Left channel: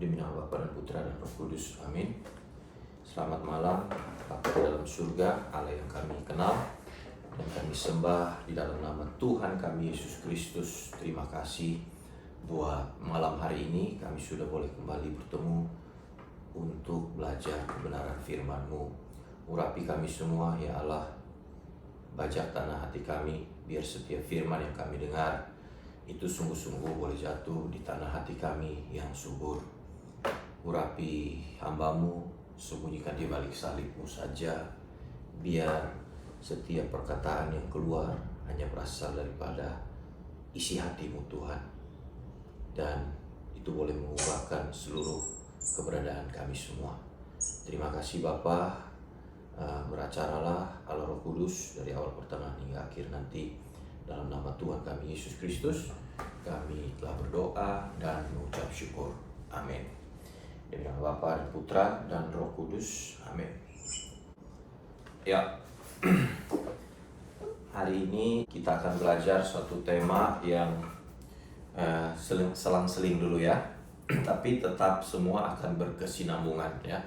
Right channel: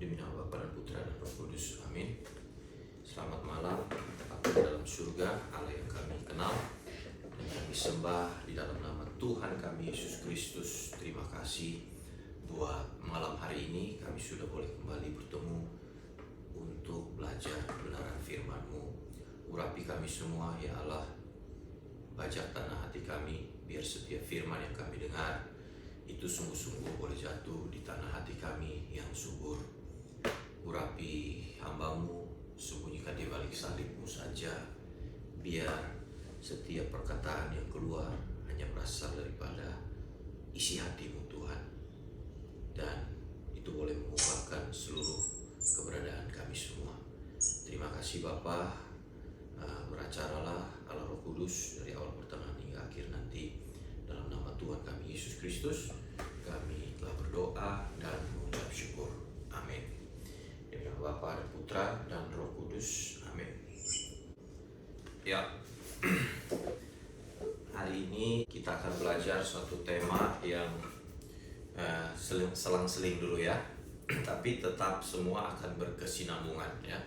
Demi nama Bapa dan Putra dan Roh Kudus. Amin. Selamat malam Bapa di dalam surga, Allah yang kami kenal dan kami sembah di dalam nama Tuhan kami Yesus Kristus. Terima kasih buat malam hari ini kami sudah boleh kembali bertemu untuk belajar kebenaran firman-Mu. Urapi kami semua ya Allah, bajak tanah hati kami, biar setiap firman yang kami dengar itu sungguh-sungguh boleh jatuh di tanah hati kami yang subur. Urapi hamba-Mu, sembunyikan di balik salib-Mu saja, biar setiap perkataan yang keluar hanya berasal daripada isi hati-Mu Tuhan, dan itu boleh mengubahkan seluruh keberadaan kami semua. Terima kasih Bapa. Beracaralah Allah Roh Kudus dari awal pertengahan hingga akhir nanti. Dalam nama Tuhan kami Yesus Kristus kami telah berdoa dan mengucap syukur. Amin. Demi nama Bapa dan Putra dan Roh Kudus. Amin. Ya, hari ini kita akan belajar suatu tema yang selang-seling dulu ya, tapi tetap semua akan berkesinambungan ya.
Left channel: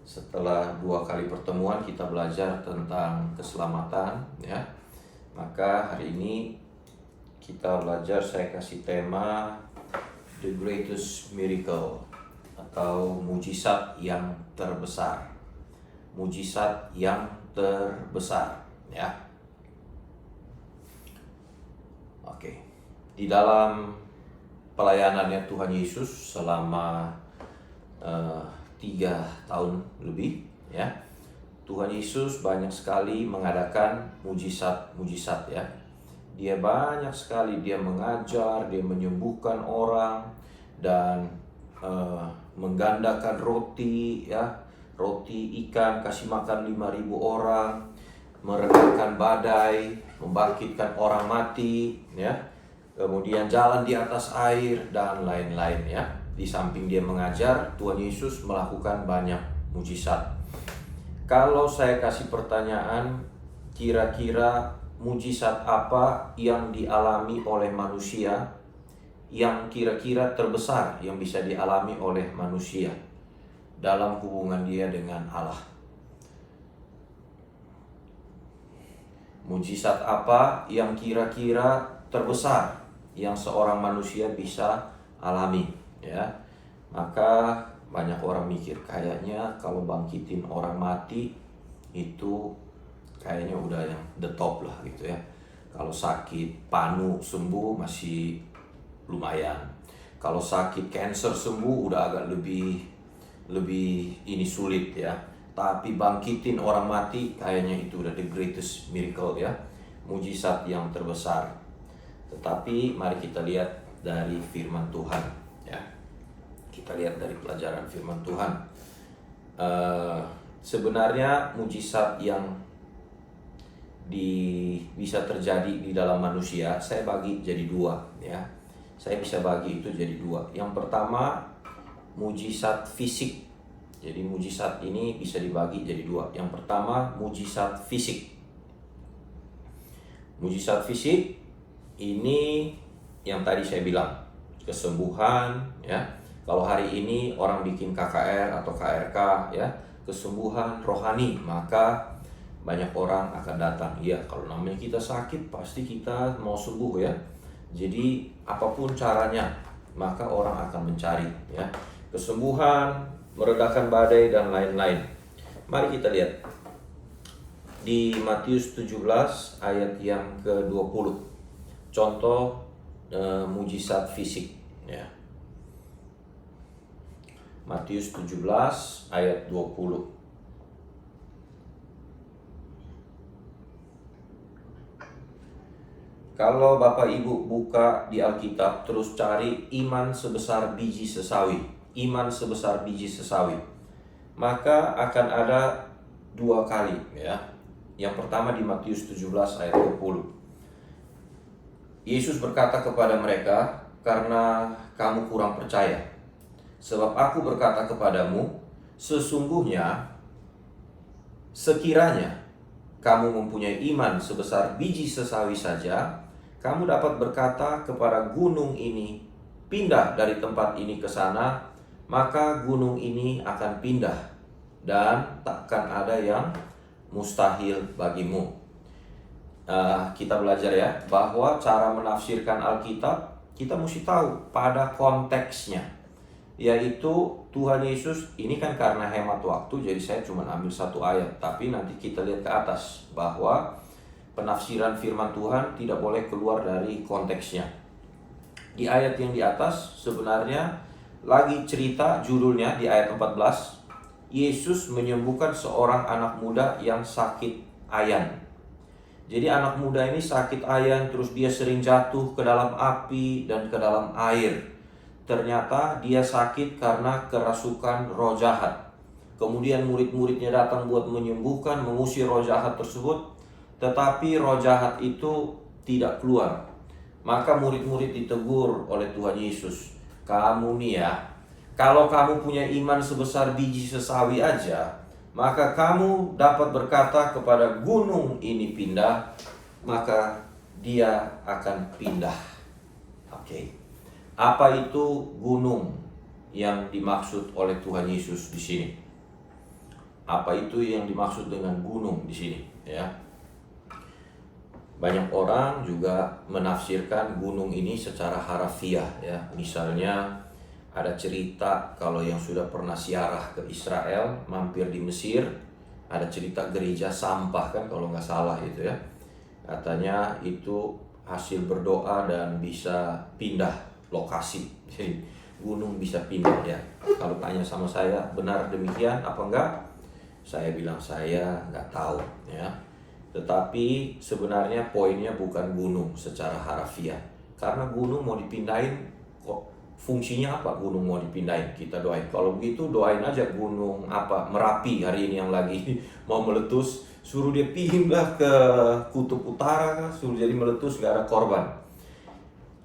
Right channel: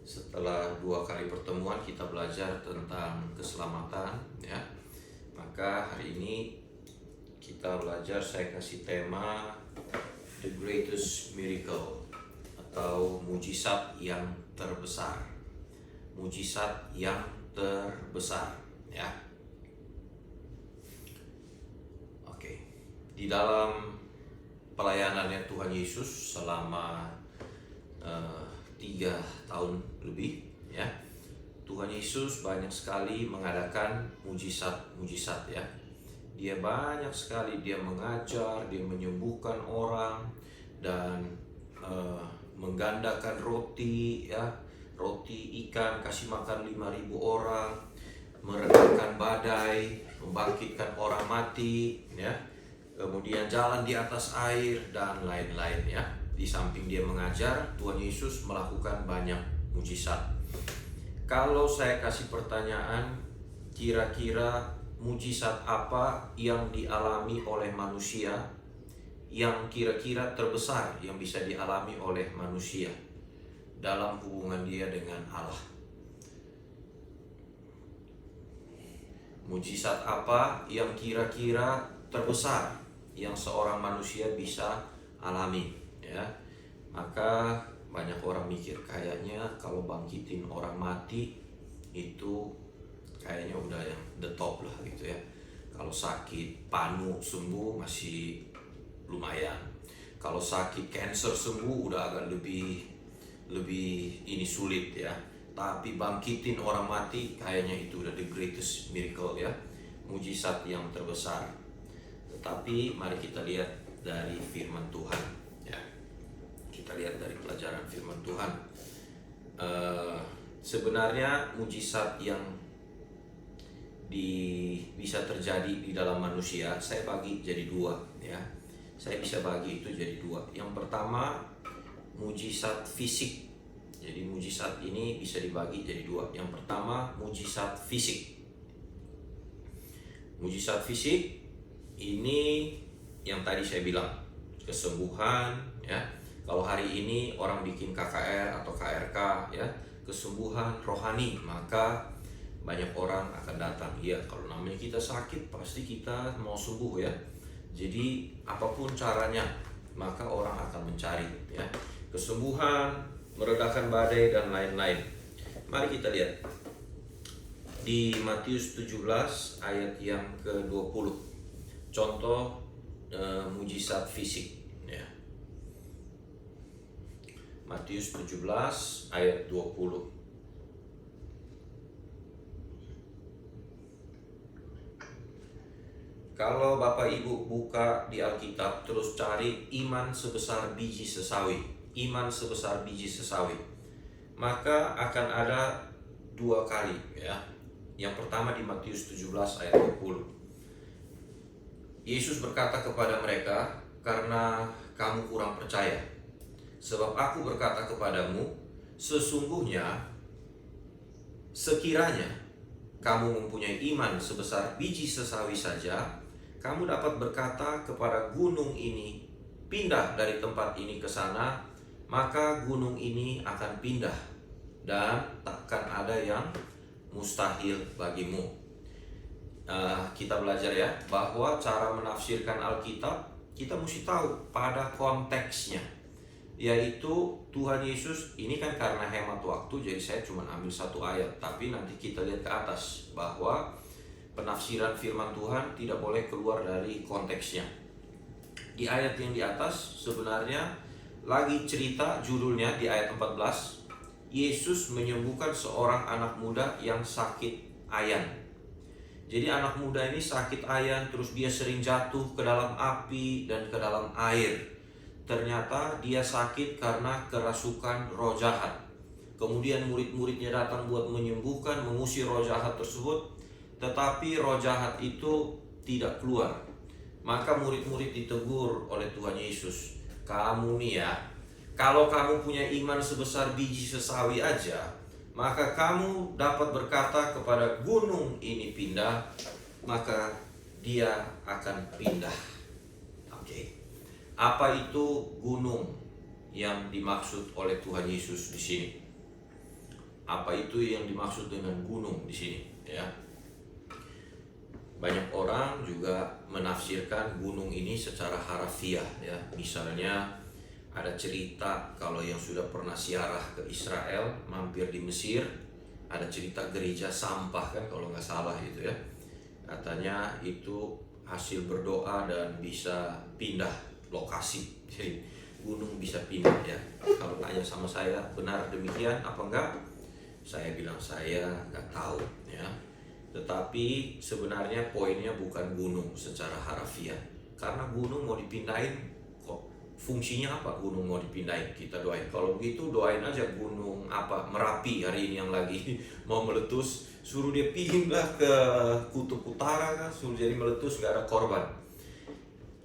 Setelah 2 kali pertemuan kita belajar tentang keselamatan ya, maka hari ini kita belajar, saya kasih tema The Greatest Miracle, atau mujizat yang terbesar. Mujizat yang terbesar ya. Oke. Di dalam pelayanannya Tuhan Yesus selama 3 tahun lebih ya, Tuhan Yesus banyak sekali mengadakan mujizat-mujizat ya. Dia banyak sekali, dia mengajar, dia menyembuhkan orang, dan menggandakan roti ya, roti ikan, kasih makan 5.000 orang, meredakan badai, membangkitkan orang mati ya, kemudian jalan di atas air dan lain-lain ya. Di samping dia mengajar, Tuhan Yesus melakukan banyak mujizat. Kalau saya kasih pertanyaan, kira-kira mujizat apa yang dialami oleh manusia yang kira-kira terbesar yang bisa dialami oleh manusia dalam hubungan dia dengan Allah? Mujizat apa yang kira-kira terbesar yang seorang manusia bisa alami ya? Maka banyak orang mikir kayaknya kalau bangkitin orang mati itu kayaknya udah yang the top lah gitu ya. Kalau sakit panu sembuh masih lumayan. Kalau sakit cancer sembuh udah agak lebih ini sulit ya. Tapi bangkitin orang mati kayaknya itu udah the greatest miracle ya, mujizat yang terbesar. Tetapi mari kita lihat dari firman Tuhan ya. Kita lihat dari pelajaran firman Tuhan. Sebenarnya mujizat yang bisa terjadi di dalam manusia saya bagi jadi 2 ya. Saya bisa bagi itu jadi 2. Yang pertama, mujizat fisik. Jadi mujizat ini bisa dibagi jadi 2. Yang pertama, mujizat fisik. Mujizat fisik ini yang tadi saya bilang, kesembuhan ya. Kalau hari ini orang bikin KKR atau KRK ya, kesembuhan rohani, maka banyak orang akan datang. Ya, kalau namanya kita sakit pasti kita mau sembuh ya. Jadi apapun caranya, maka orang akan mencari ya, kesembuhan, meredakan badai dan lain-lain. Mari kita lihat di Matius 17 ayat yang ke-20. Contoh mujizat fisik ya. Matius 17 ayat 20. Kalau Bapak Ibu buka di Alkitab, terus cari iman sebesar biji sesawi. Iman sebesar biji sesawi. Maka akan ada 2 kali ya. Yang pertama di Matius 17 ayat 20. Yesus berkata kepada mereka, karena kamu kurang percaya. Sebab aku berkata kepadamu, sesungguhnya sekiranya kamu mempunyai iman sebesar biji sesawi saja, kamu dapat berkata kepada gunung ini, pindah dari tempat ini ke sana, maka gunung ini akan pindah dan takkan ada yang mustahil bagimu. Kita belajar ya, bahwa cara menafsirkan Alkitab kita mesti tahu pada konteksnya, yaitu Tuhan Yesus ini kan karena hemat waktu, jadi saya cuma ambil satu ayat, tapi nanti kita lihat ke atas bahwa penafsiran firman Tuhan tidak boleh keluar dari konteksnya. Di ayat yang di atas sebenarnya lagi cerita, judulnya di ayat 14, Yesus menyembuhkan seorang anak muda yang sakit ayan. Jadi anak muda ini sakit ayan, terus dia sering jatuh ke dalam api dan ke dalam air. Ternyata dia sakit karena kerasukan roh jahat. Kemudian murid-muridnya datang buat menyembuhkan, mengusir roh jahat tersebut, tetapi roh jahat itu tidak keluar. Maka murid-murid ditegur oleh Tuhan Yesus, kamu nih ya, kalau kamu punya iman sebesar biji sesawi aja, maka kamu dapat berkata kepada gunung ini pindah, maka dia akan pindah. Oke. Apa itu gunung yang dimaksud oleh Tuhan Yesus di sini? Apa itu yang dimaksud dengan gunung di sini? Ya. Banyak orang juga menafsirkan gunung ini secara harafiah ya. Misalnya ada cerita kalau yang sudah pernah ziarah ke Israel, mampir di Mesir, ada cerita gereja sampah kan kalau nggak salah itu ya. Katanya itu hasil berdoa dan bisa pindah lokasi. Jadi gunung bisa pindah ya. Kalau tanya sama saya, benar demikian apa enggak? Saya bilang saya nggak tahu ya. Tetapi sebenarnya poinnya bukan gunung secara harafiah. Karena gunung mau dipindahin, kok fungsinya apa gunung mau dipindahin? Kita doain. Kalau begitu doain aja gunung Merapi hari ini yang lagi mau meletus, suruh dia pindah ke kutub utara, suruh jadi meletus, gak ada korban.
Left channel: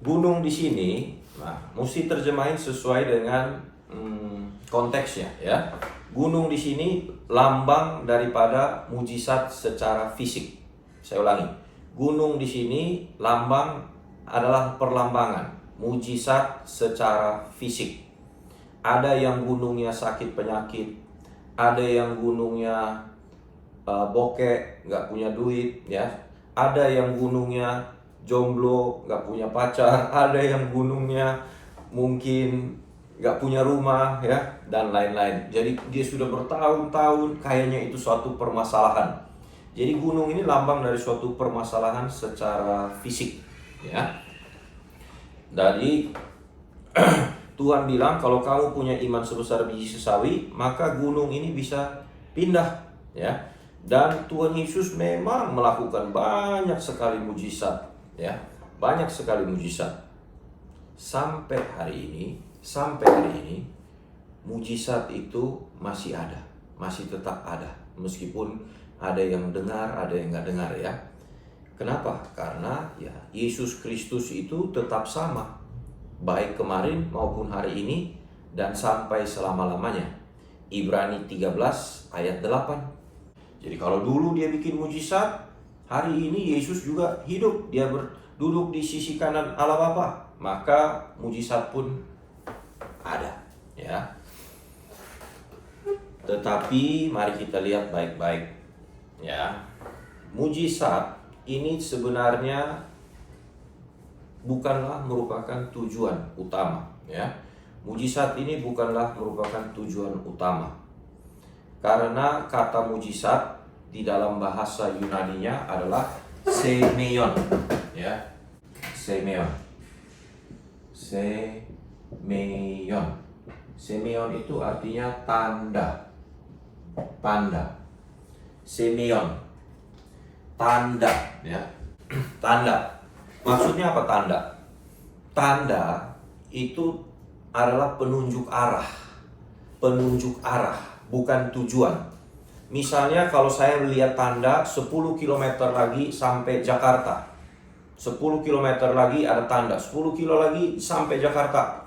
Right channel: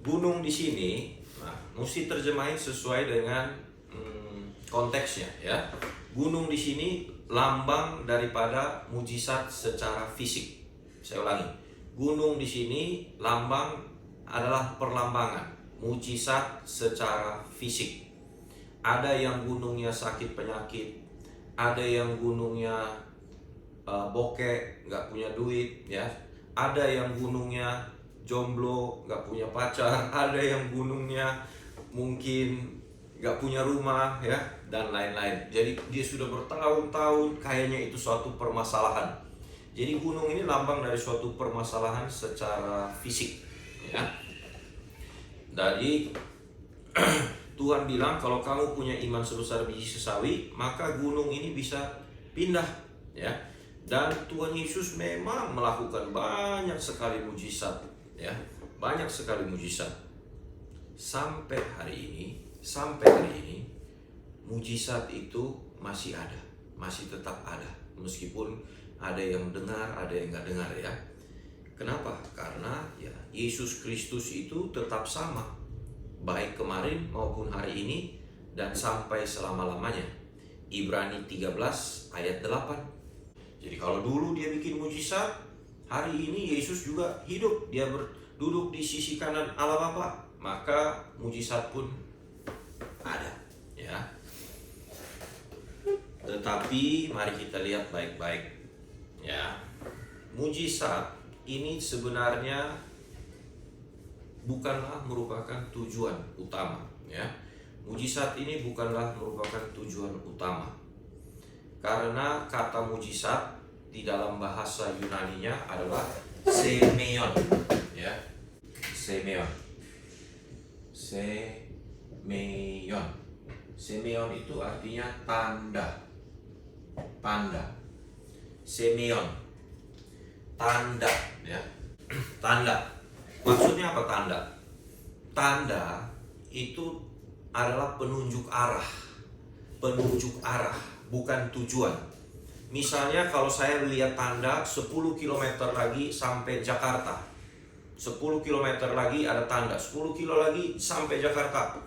Gunung di sini, mesti terjemahin sesuai dengan konteksnya ya. Gunung di sini lambang daripada mujizat secara fisik. Saya ulangi, gunung di sini lambang adalah perlambangan mujizat secara fisik. Ada yang gunungnya sakit penyakit, ada yang gunungnya bokek, nggak punya duit ya. Ada yang gunungnya jomblo, nggak punya pacar. Ada yang gunungnya mungkin nggak punya rumah ya, dan lain-lain. Jadi dia sudah bertahun-tahun, kayaknya itu suatu permasalahan. Jadi gunung ini lambang dari suatu permasalahan secara fisik ya. Dari Tuhan bilang kalau kamu punya iman sebesar biji sesawi, maka gunung ini bisa pindah ya. Dan Tuhan Yesus memang melakukan banyak sekali mujizat ya, banyak sekali mujizat. Sampai hari ini mujizat itu masih ada, masih tetap ada, meskipun ada yang dengar, ada yang nggak dengar ya. Kenapa? Karena ya Yesus Kristus itu tetap sama, baik kemarin maupun hari ini dan sampai selama-lamanya. Ibrani 13 ayat 8. Jadi kalau dulu dia bikin mujizat, hari ini Yesus juga hidup, dia duduk di sisi kanan Allah Bapa, maka mujizat pun ada ya. Tetapi mari kita lihat baik-baik ya. Mujizat ini sebenarnya bukanlah merupakan tujuan utama ya. Mujizat ini bukanlah merupakan tujuan utama. Karena kata mujizat di dalam bahasa Yunaninya adalah semeion ya. Semeion. Semeion itu artinya tanda. Semeion, tanda ya. Tanda. Maksudnya apa tanda? Tanda itu adalah penunjuk arah. Penunjuk arah, bukan tujuan. Misalnya kalau saya lihat tanda 10 km lagi sampai Jakarta. 10 km lagi ada tanda, 10 kilo lagi sampai Jakarta.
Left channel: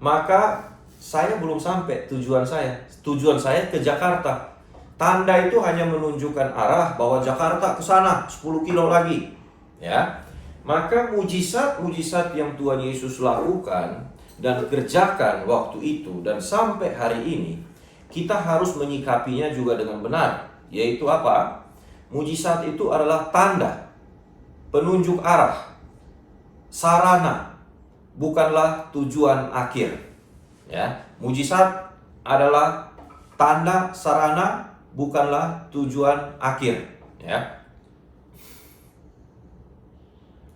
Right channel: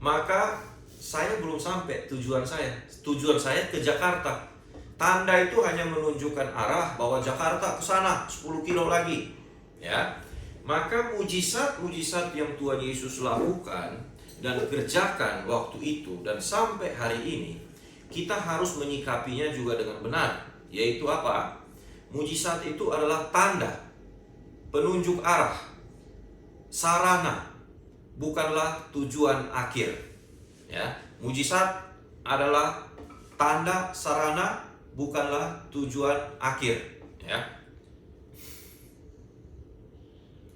Maka saya belum sampai tujuan saya. Tujuan saya ke Jakarta. Tanda itu hanya menunjukkan arah bahwa Jakarta ke sana 10 kilo lagi. Ya. Maka mujizat-mujizat yang Tuhan Yesus lakukan dan kerjakan waktu itu, dan sampai hari ini kita harus menyikapinya juga dengan benar. Yaitu apa? Mujizat itu adalah tanda, penunjuk arah, sarana, bukanlah tujuan akhir. Ya, mujizat adalah tanda, sarana, bukanlah tujuan akhir. Ya.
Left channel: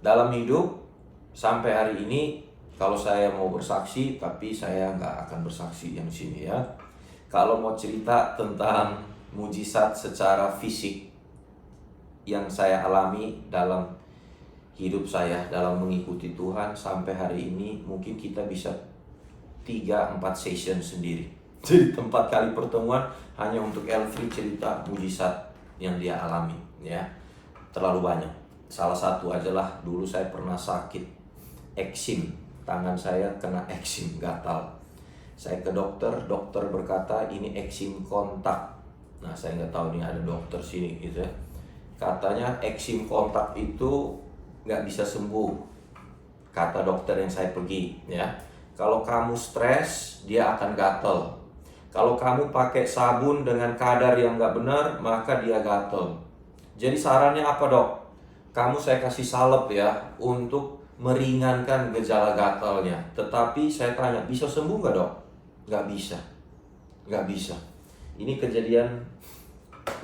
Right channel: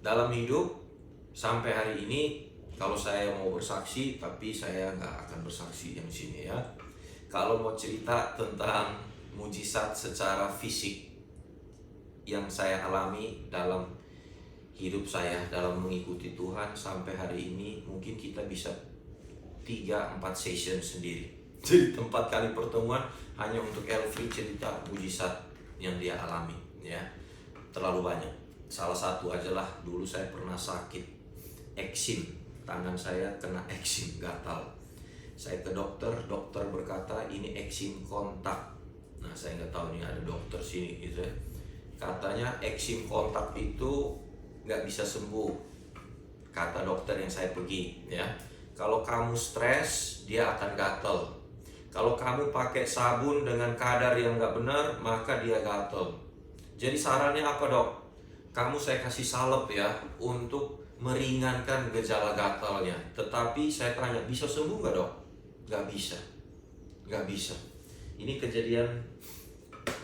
Dalam hidup sampai hari ini, kalau saya mau bersaksi, tapi saya nggak akan bersaksi yang sini ya. Kalau mau cerita tentang mujizat secara fisik yang saya alami dalam hidup saya, dalam mengikuti Tuhan sampai hari ini, mungkin kita bisa 3-4 session sendiri. Jadi 4 kali pertemuan hanya untuk Elfri cerita mujizat yang dia alami ya. Terlalu banyak. Salah satu ajalah dulu saya pernah sakit eksim. Tangan saya kena eksim, gatal. Saya ke dokter, dokter berkata ini eksim kontak. Nah, saya nggak tahu nih ada dokter sini gitu ya. Katanya eksim kontak itu nggak bisa sembuh. Kata dokter yang saya pergi ya. Kalau kamu stres, dia akan gatel. Kalau kamu pakai sabun dengan kadar yang nggak benar, maka dia gatel. Jadi sarannya apa dok? Kamu saya kasih salep ya untuk meringankan gejala gatalnya. Tetapi saya tanya, bisa sembuh nggak dok? Nggak bisa. Nggak bisa. Ini kejadian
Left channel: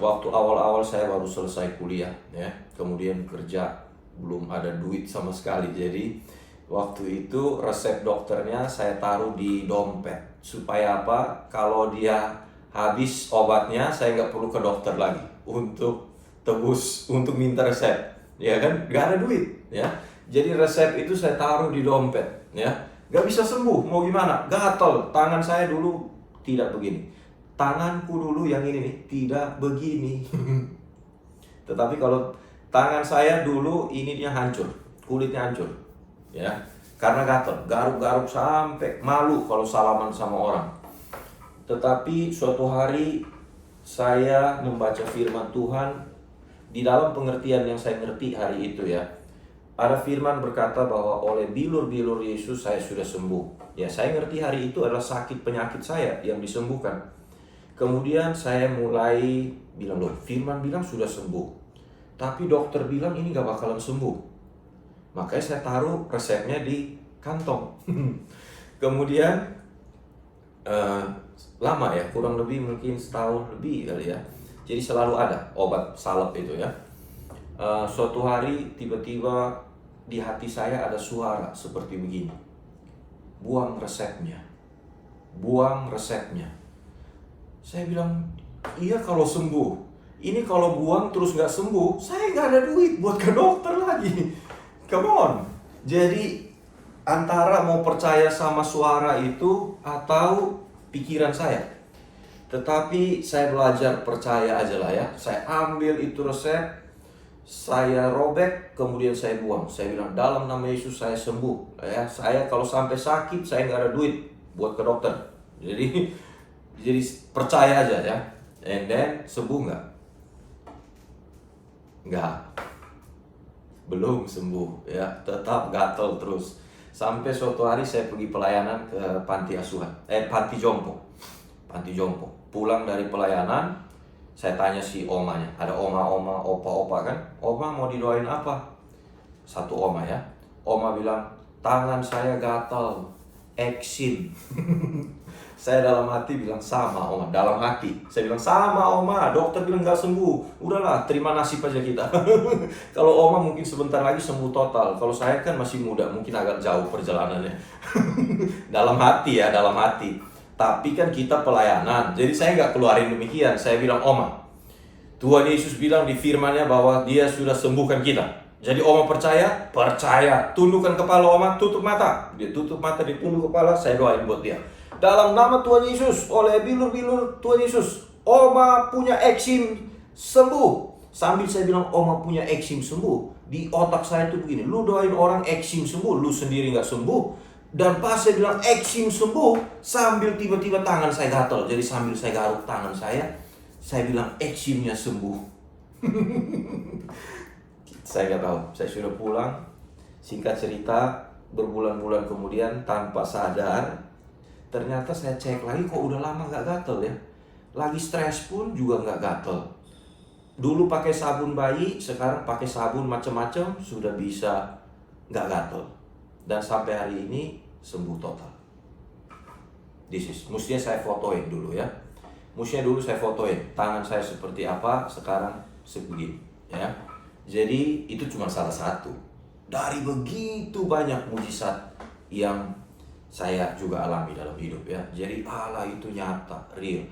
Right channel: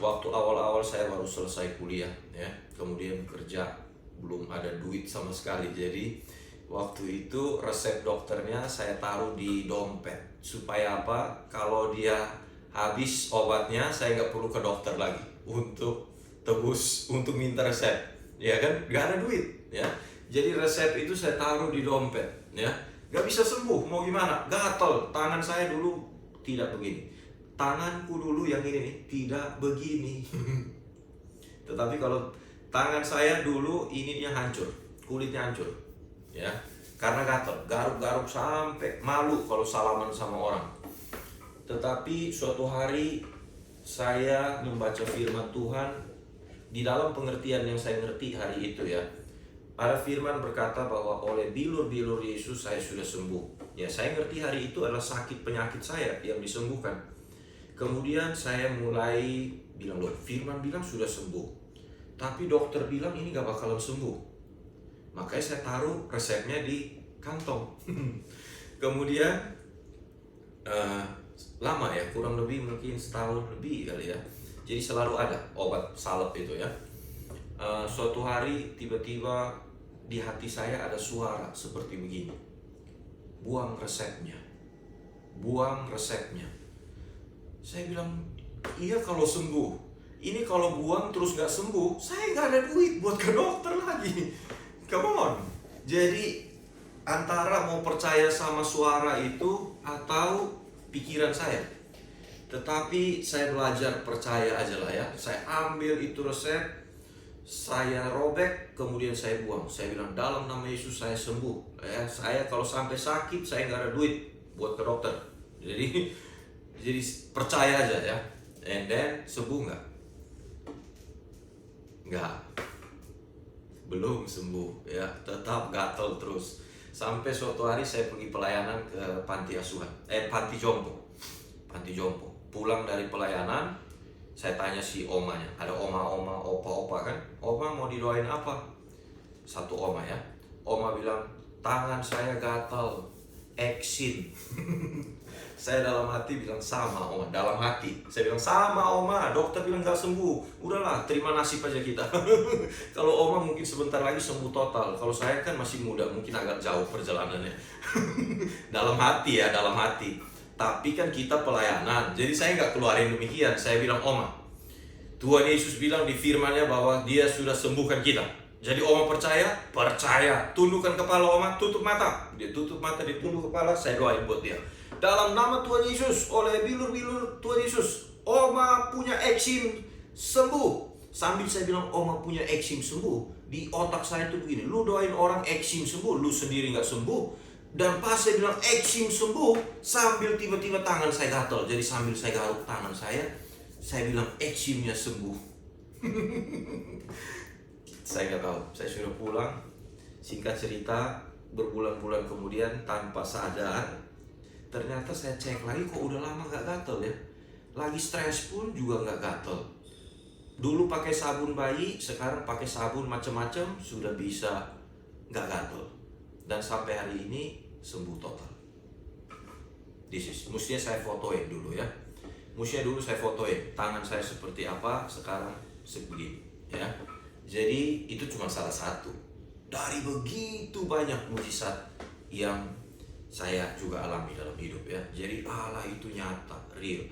waktu awal-awal saya baru selesai kuliah ya. Kemudian kerja, belum ada duit sama sekali. Jadi waktu itu resep dokternya saya taruh di dompet. Supaya apa? Kalau dia habis obatnya, saya nggak perlu ke dokter lagi untuk tebus, untuk minta resep. Ya kan? Nggak ada duit ya. Jadi resep itu saya taruh di dompet ya. Nggak bisa sembuh, mau gimana? Gatal. Tangan saya dulu tidak begini. Tanganku dulu yang ini nih, tidak begini. Tetapi kalau tangan saya dulu ini dia hancur, kulitnya hancur ya. Karena gatal, garuk-garuk sampai malu kalau salaman sama orang. Tetapi suatu hari saya membaca firman Tuhan, di dalam pengertian yang saya ngerti hari itu ya. Ada firman berkata bahwa oleh bilur-bilur Yesus saya sudah sembuh. Ya, saya ngerti hari itu adalah sakit penyakit saya yang disembuhkan. Kemudian saya mulai bilang, loh firman bilang sudah sembuh. Tapi dokter bilang ini gak bakalan sembuh. Makanya saya taruh resepnya di kantong. Kemudian lama ya, kurang lebih mungkin setahun lebih kali ya. Jadi selalu ada obat salep itu ya. Suatu hari tiba-tiba di hati saya ada suara seperti begini. Buang resepnya. Buang resepnya. Saya bilang, iya kalau sembuh. Ini kalau buang terus gak sembuh, saya gak ada duit buat ke dokter lagi. Come on. Jadi antara mau percaya sama suara itu atau pikiran saya. Tetapi saya belajar percaya aja lah ya. Saya ambil itu resep, saya robek, kemudian saya buang. Saya bilang dalam nama Yesus saya sembuh. Ya, saya kalau sampai sakit saya nggak ada duit buat ke dokter. Jadi percaya aja ya. And then sembuh nggak? Nggak. Belum sembuh ya, tetap gatal terus. Sampai suatu hari saya pergi pelayanan ke panti asuhan, panti jompo. Panti jompo. Pulang dari pelayanan, saya tanya si omanya, ada oma-oma, opa-opa kan? Oma mau didoain apa? Satu oma ya. Oma bilang, tangan saya gatal, eksim. Saya dalam hati bilang sama oma, dalam hati. Saya bilang sama oma, dokter bilang gak sembuh. Udahlah, terima nasib aja kita. Kalau oma mungkin sebentar lagi sembuh total. Kalau saya kan masih muda, mungkin agak jauh perjalanannya. Dalam hati ya, dalam hati. Tapi kan kita pelayanan, jadi saya gak keluarin demikian. Saya bilang oma, Tuhan Yesus bilang di firman-Nya bahwa Dia sudah sembuhkan kita. Jadi oma percaya? Percaya. Tundukkan kepala oma, tutup mata. Dia tutup mata, dia tunduk kepala, saya doain buat dia. Dalam nama Tuhan Yesus, oleh bilur-bilur Tuhan Yesus, oma punya eksim sembuh. Sambil saya bilang oma punya eksim sembuh, di otak saya tuh begini, lu doain orang eksim sembuh, lu sendiri gak sembuh. Dan pas saya bilang eksim sembuh, sambil tiba-tiba tangan saya gatal. Jadi sambil saya garuk tangan saya bilang eksimnya sembuh. Saya gak tahu, saya sudah pulang. Singkat cerita, berbulan-bulan kemudian tanpa sadar, ternyata saya cek lagi kok udah lama nggak gatel ya. Lagi stres pun juga nggak gatel. Dulu pakai sabun bayi, sekarang pakai sabun macam-macam sudah bisa nggak gatel. Dan sampai hari ini sembuh total. Mestinya saya fotoin dulu ya. Mestinya dulu saya fotoin tangan saya seperti apa, sekarang sebegini ya. Jadi itu cuma salah satu dari begitu banyak mujizat yang saya juga alami dalam hidup ya. Jadi Allah itu nyata, real.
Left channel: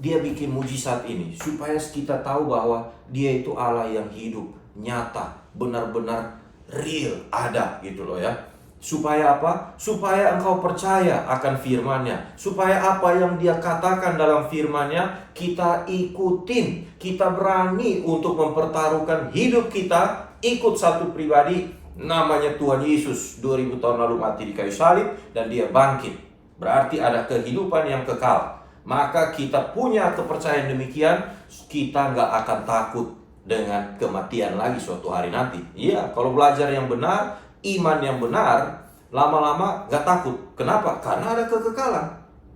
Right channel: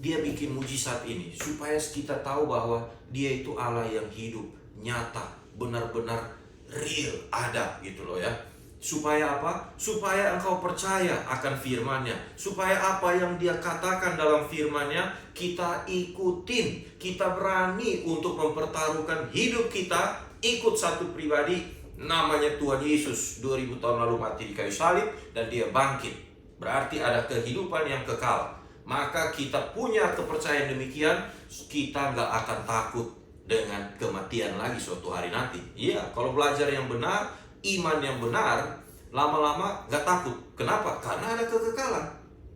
Dia bikin mujizat ini supaya kita tahu bahwa Dia itu Allah yang hidup, nyata, benar-benar real, ada gitu loh ya. Supaya apa? Supaya engkau percaya akan firman-Nya. Supaya apa yang Dia katakan dalam firman-Nya kita ikutin. Kita berani untuk mempertaruhkan hidup kita, ikut satu pribadi namanya Tuhan Yesus. 2000 tahun lalu mati di kayu salib dan Dia bangkit. Berarti ada kehidupan yang kekal. Maka kita punya kepercayaan demikian, kita nggak akan takut dengan kematian lagi suatu hari nanti. Iya, kalau belajar yang benar, iman yang benar, lama-lama nggak takut. Kenapa? Karena ada kekekalan.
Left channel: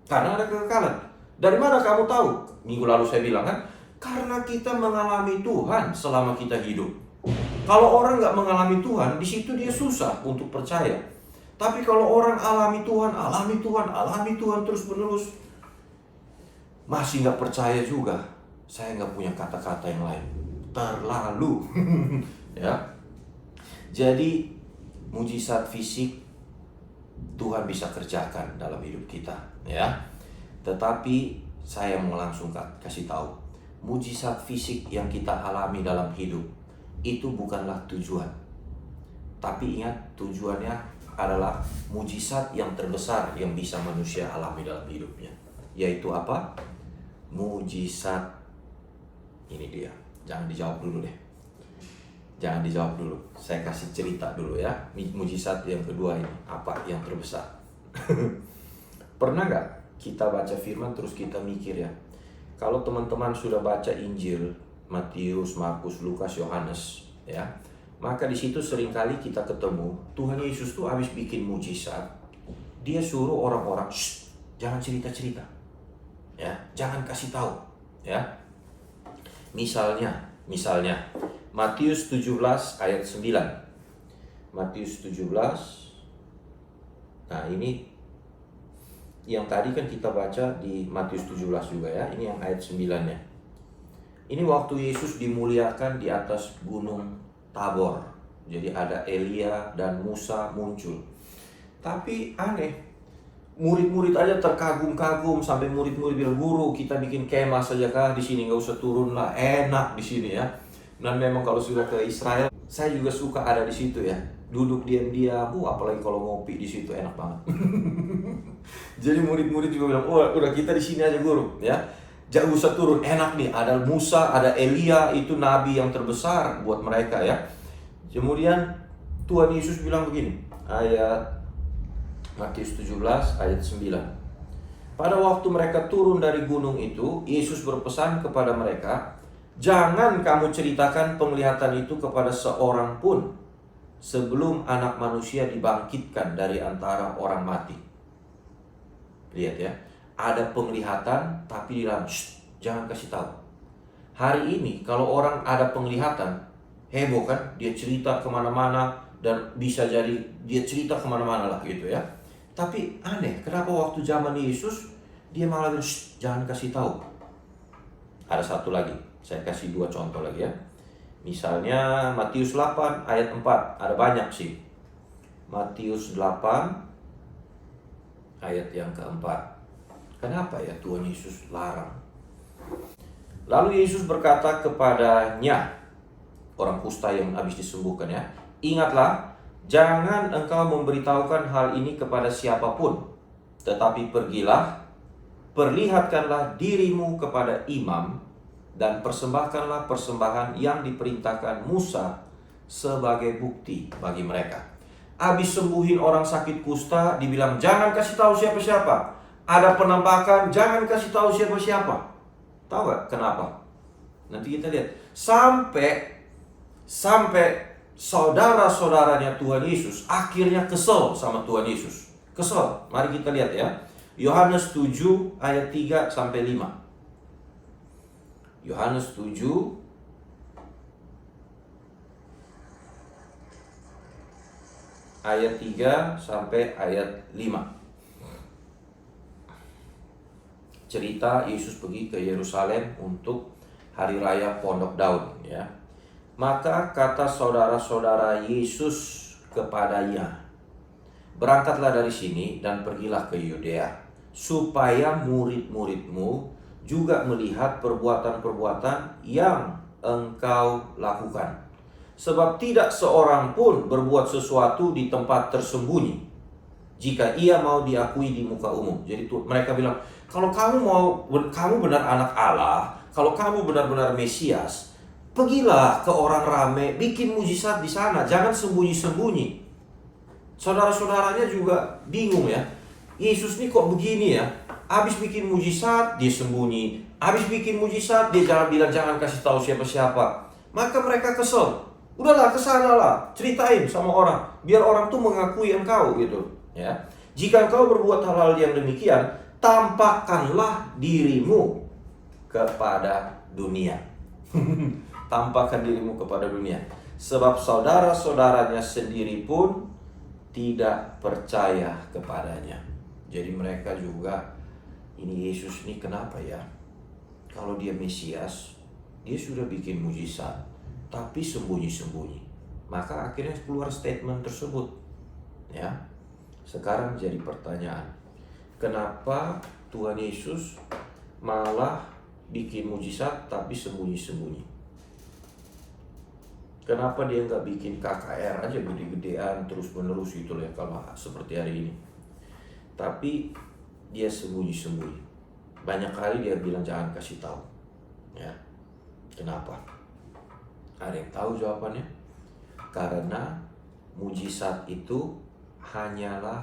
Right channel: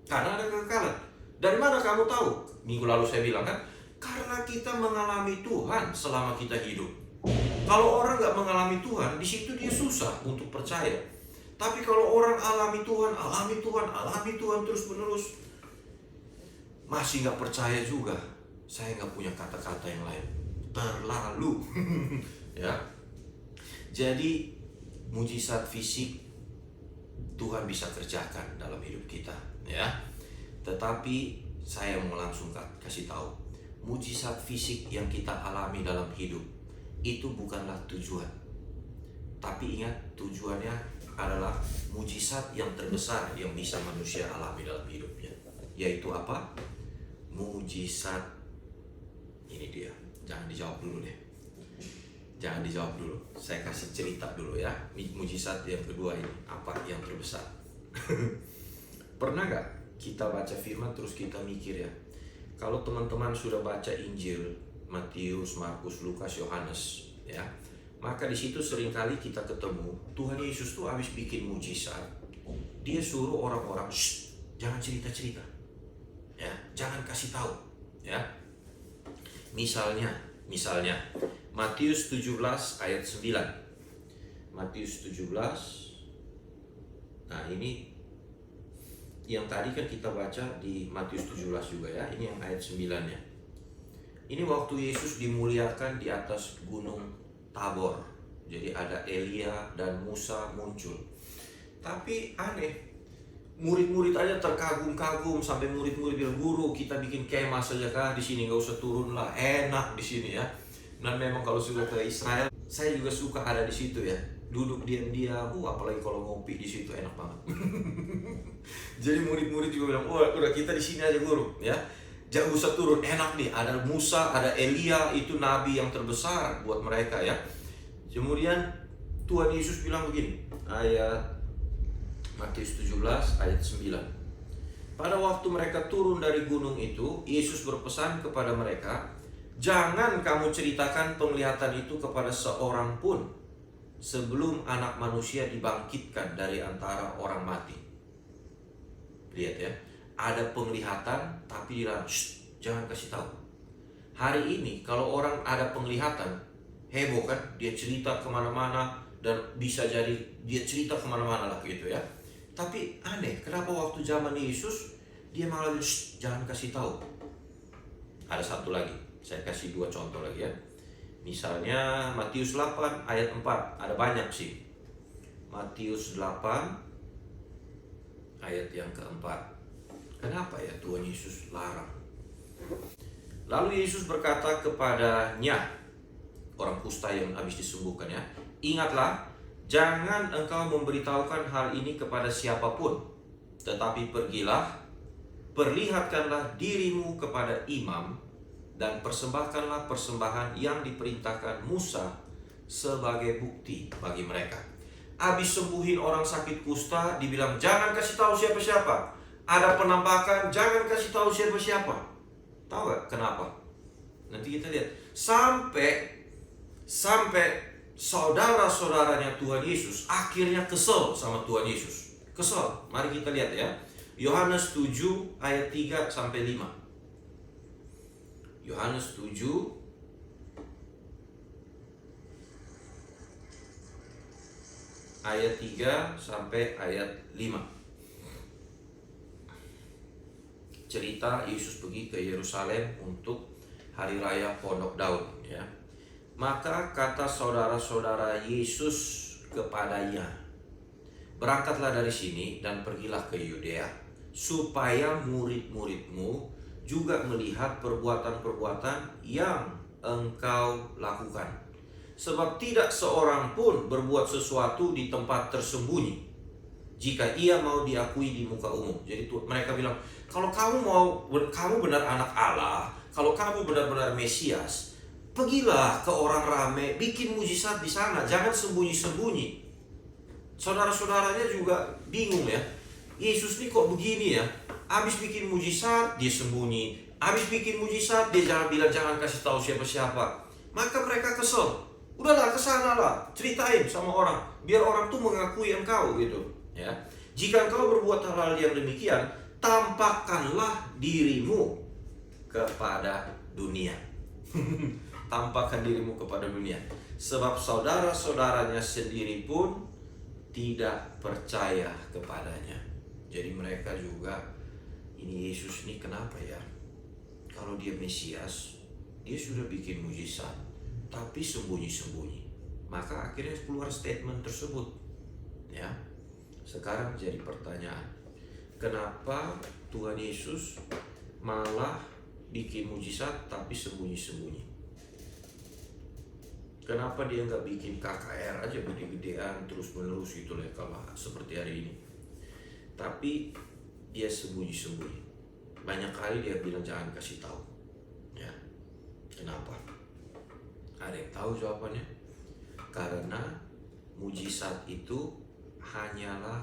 Karena ada kekekalan. Dari mana kamu tahu? Minggu lalu saya bilang kan, karena kita mengalami Tuhan selama kita hidup. Kalau orang nggak mengalami Tuhan, di situ dia susah untuk percaya. Tapi kalau orang alami Tuhan, alami Tuhan, alami Tuhan terus-menerus, masih nggak percaya juga, saya nggak punya kata-kata yang lain. Terlalu, ya. Jadi mujizat fisik Tuhan bisa kerjakan dalam hidup kita, ya. Tetapi saya mau langsung kasih tahu, mujizat fisik yang kita alami dalam hidup itu bukanlah tujuan. Tapi ingat, tujuannya adalah mujizat yang terbesar yang bisa manusia alami dalam hidupnya. Yaitu apa? Mujizat. Ini dia. Jangan dijawab dulu deh. Jangan dijawab dulu. Saya kasih cerita dulu ya. Mujizat yang kedua ini, apa yang terbesar? Pernah nggak kita baca firman terus kita mikir ya, kalau teman-teman sudah baca Injil Matius, Markus, Lukas, Yohanes ya, maka di situ seringkali kita ketemu Tuhan Yesus tuh habis bikin mujizat, Dia suruh orang-orang, jangan cerita-cerita. Ya, jangan kasih tahu ya. Misalnya Matius 17 ayat 9. Matius 17. Nah, ini yang tadi kan kita baca di Matius 17 juga ya. Ini yang ayat 9-nya. Ini waktu Yesus dimuliakan di atas gunung Tabor. Jadi ada Elia dan Musa muncul. Tapi aneh, murid-murid aja terkagum-kagum sampai murid-murid bilang, "Guru, kita bikin kemah saja kah di sini, nggak usah turun lah, enak di sini ya." Dan memang kalau sudah ke Israel, saya juga suka ada di situ ya, duduk diam-diam, apalagi kalau ngopi di situ enak banget. Jadi murid-murid juga bilang, "Oh, udah kita di sini aja guru ya, jangan usah turun, enak nih, ada Musa, ada Elia, itu nabi yang terbesar buat mereka ya." Kemudian Tuhan Yesus bilang begini, ayat Matius 17 ayat 9. Pada waktu mereka turun dari gunung itu, Yesus berpesan kepada mereka, "Jangan kamu ceritakan penglihatan itu kepada seorang pun sebelum Anak Manusia dibangkitkan dari antara orang mati." Lihat ya, ada penglihatan tapi dilarang, jangan kasih tahu. Hari ini kalau orang ada penglihatan, heboh kan, dia cerita kemana-mana, dan bisa jadi dia cerita kemana-mana lah gitu ya. Tapi aneh, kenapa waktu zaman Yesus dia malah bilang, jangan kasih tahu. Ada satu lagi, saya kasih 2 contoh lagi ya. Misalnya Matius 8 ayat 4, ada banyak sih. Matius 8 ayat yang keempat. Kenapa ya Tuhan Yesus larang? Lalu Yesus berkata kepadanya, orang kusta yang habis disembuhkan ya, "Ingatlah, jangan engkau memberitahukan hal ini kepada siapapun, tetapi pergilah, perlihatkanlah dirimu kepada imam, dan persembahkanlah persembahan yang diperintahkan Musa sebagai bukti bagi mereka." Habis sembuhin orang sakit kusta, dibilang jangan kasih tahu siapa-siapa. Ada penampakan, jangan kasih tahu siapa-siapa. Tahu gak kenapa? Nanti kita lihat. Sampai saudara-saudaranya Tuhan Yesus akhirnya kesel sama Tuhan Yesus. Kesel. Mari kita lihat ya. Yohanes 7 ayat 3 sampai 5. Yohanes 7 ayat 3 sampai ayat 5. Cerita Yesus pergi ke Yerusalem untuk hari raya Pondok Daun ya. Maka kata saudara-saudara Yesus kepadanya, berangkatlah dari sini dan pergilah ke Yudea, supaya murid-muridmu juga melihat perbuatan-perbuatan yang engkau lakukan. Sebab tidak seorang pun berbuat sesuatu di tempat tersembunyi jika ia mau diakui di muka umum. Jadi mereka bilang, kalau kamu benar anak Allah, kalau kamu benar-benar Mesias, pergilah ke orang ramai, bikin mujizat di sana, jangan sembunyi-sembunyi. Saudara-saudaranya juga bingung ya. Yesus ini kok begini ya? Habis bikin mujizat dia sembunyi, habis bikin mujizat dia jangan kasih tahu siapa-siapa. Maka mereka kesel. Udahlah, kesana lah, ceritain sama orang, biar orang tuh mengakui engkau gitu ya. Jika engkau berbuat hal-hal yang demikian, tampakkanlah dirimu kepada dunia. Tampakkan dirimu kepada dunia. Sebab saudara-saudaranya sendiri pun tidak percaya kepadanya. Jadi mereka juga, ini Yesus ini kenapa ya? Kalau dia Mesias, dia sudah bikin mujizat, tapi sembunyi-sembunyi. Maka akhirnya keluar statement tersebut ya. Sekarang jadi pertanyaan, kenapa Tuhan Yesus malah bikin mujizat tapi sembunyi-sembunyi? Kenapa dia nggak bikin KKR aja gede-gedean terus-menerus gitu ya, kalau seperti hari ini? Tapi dia sembunyi-sembunyi. Banyak kali dia bilang jangan kasih tahu ya. Kenapa? Ada yang tahu jawabannya? Karena mujizat itu hanyalah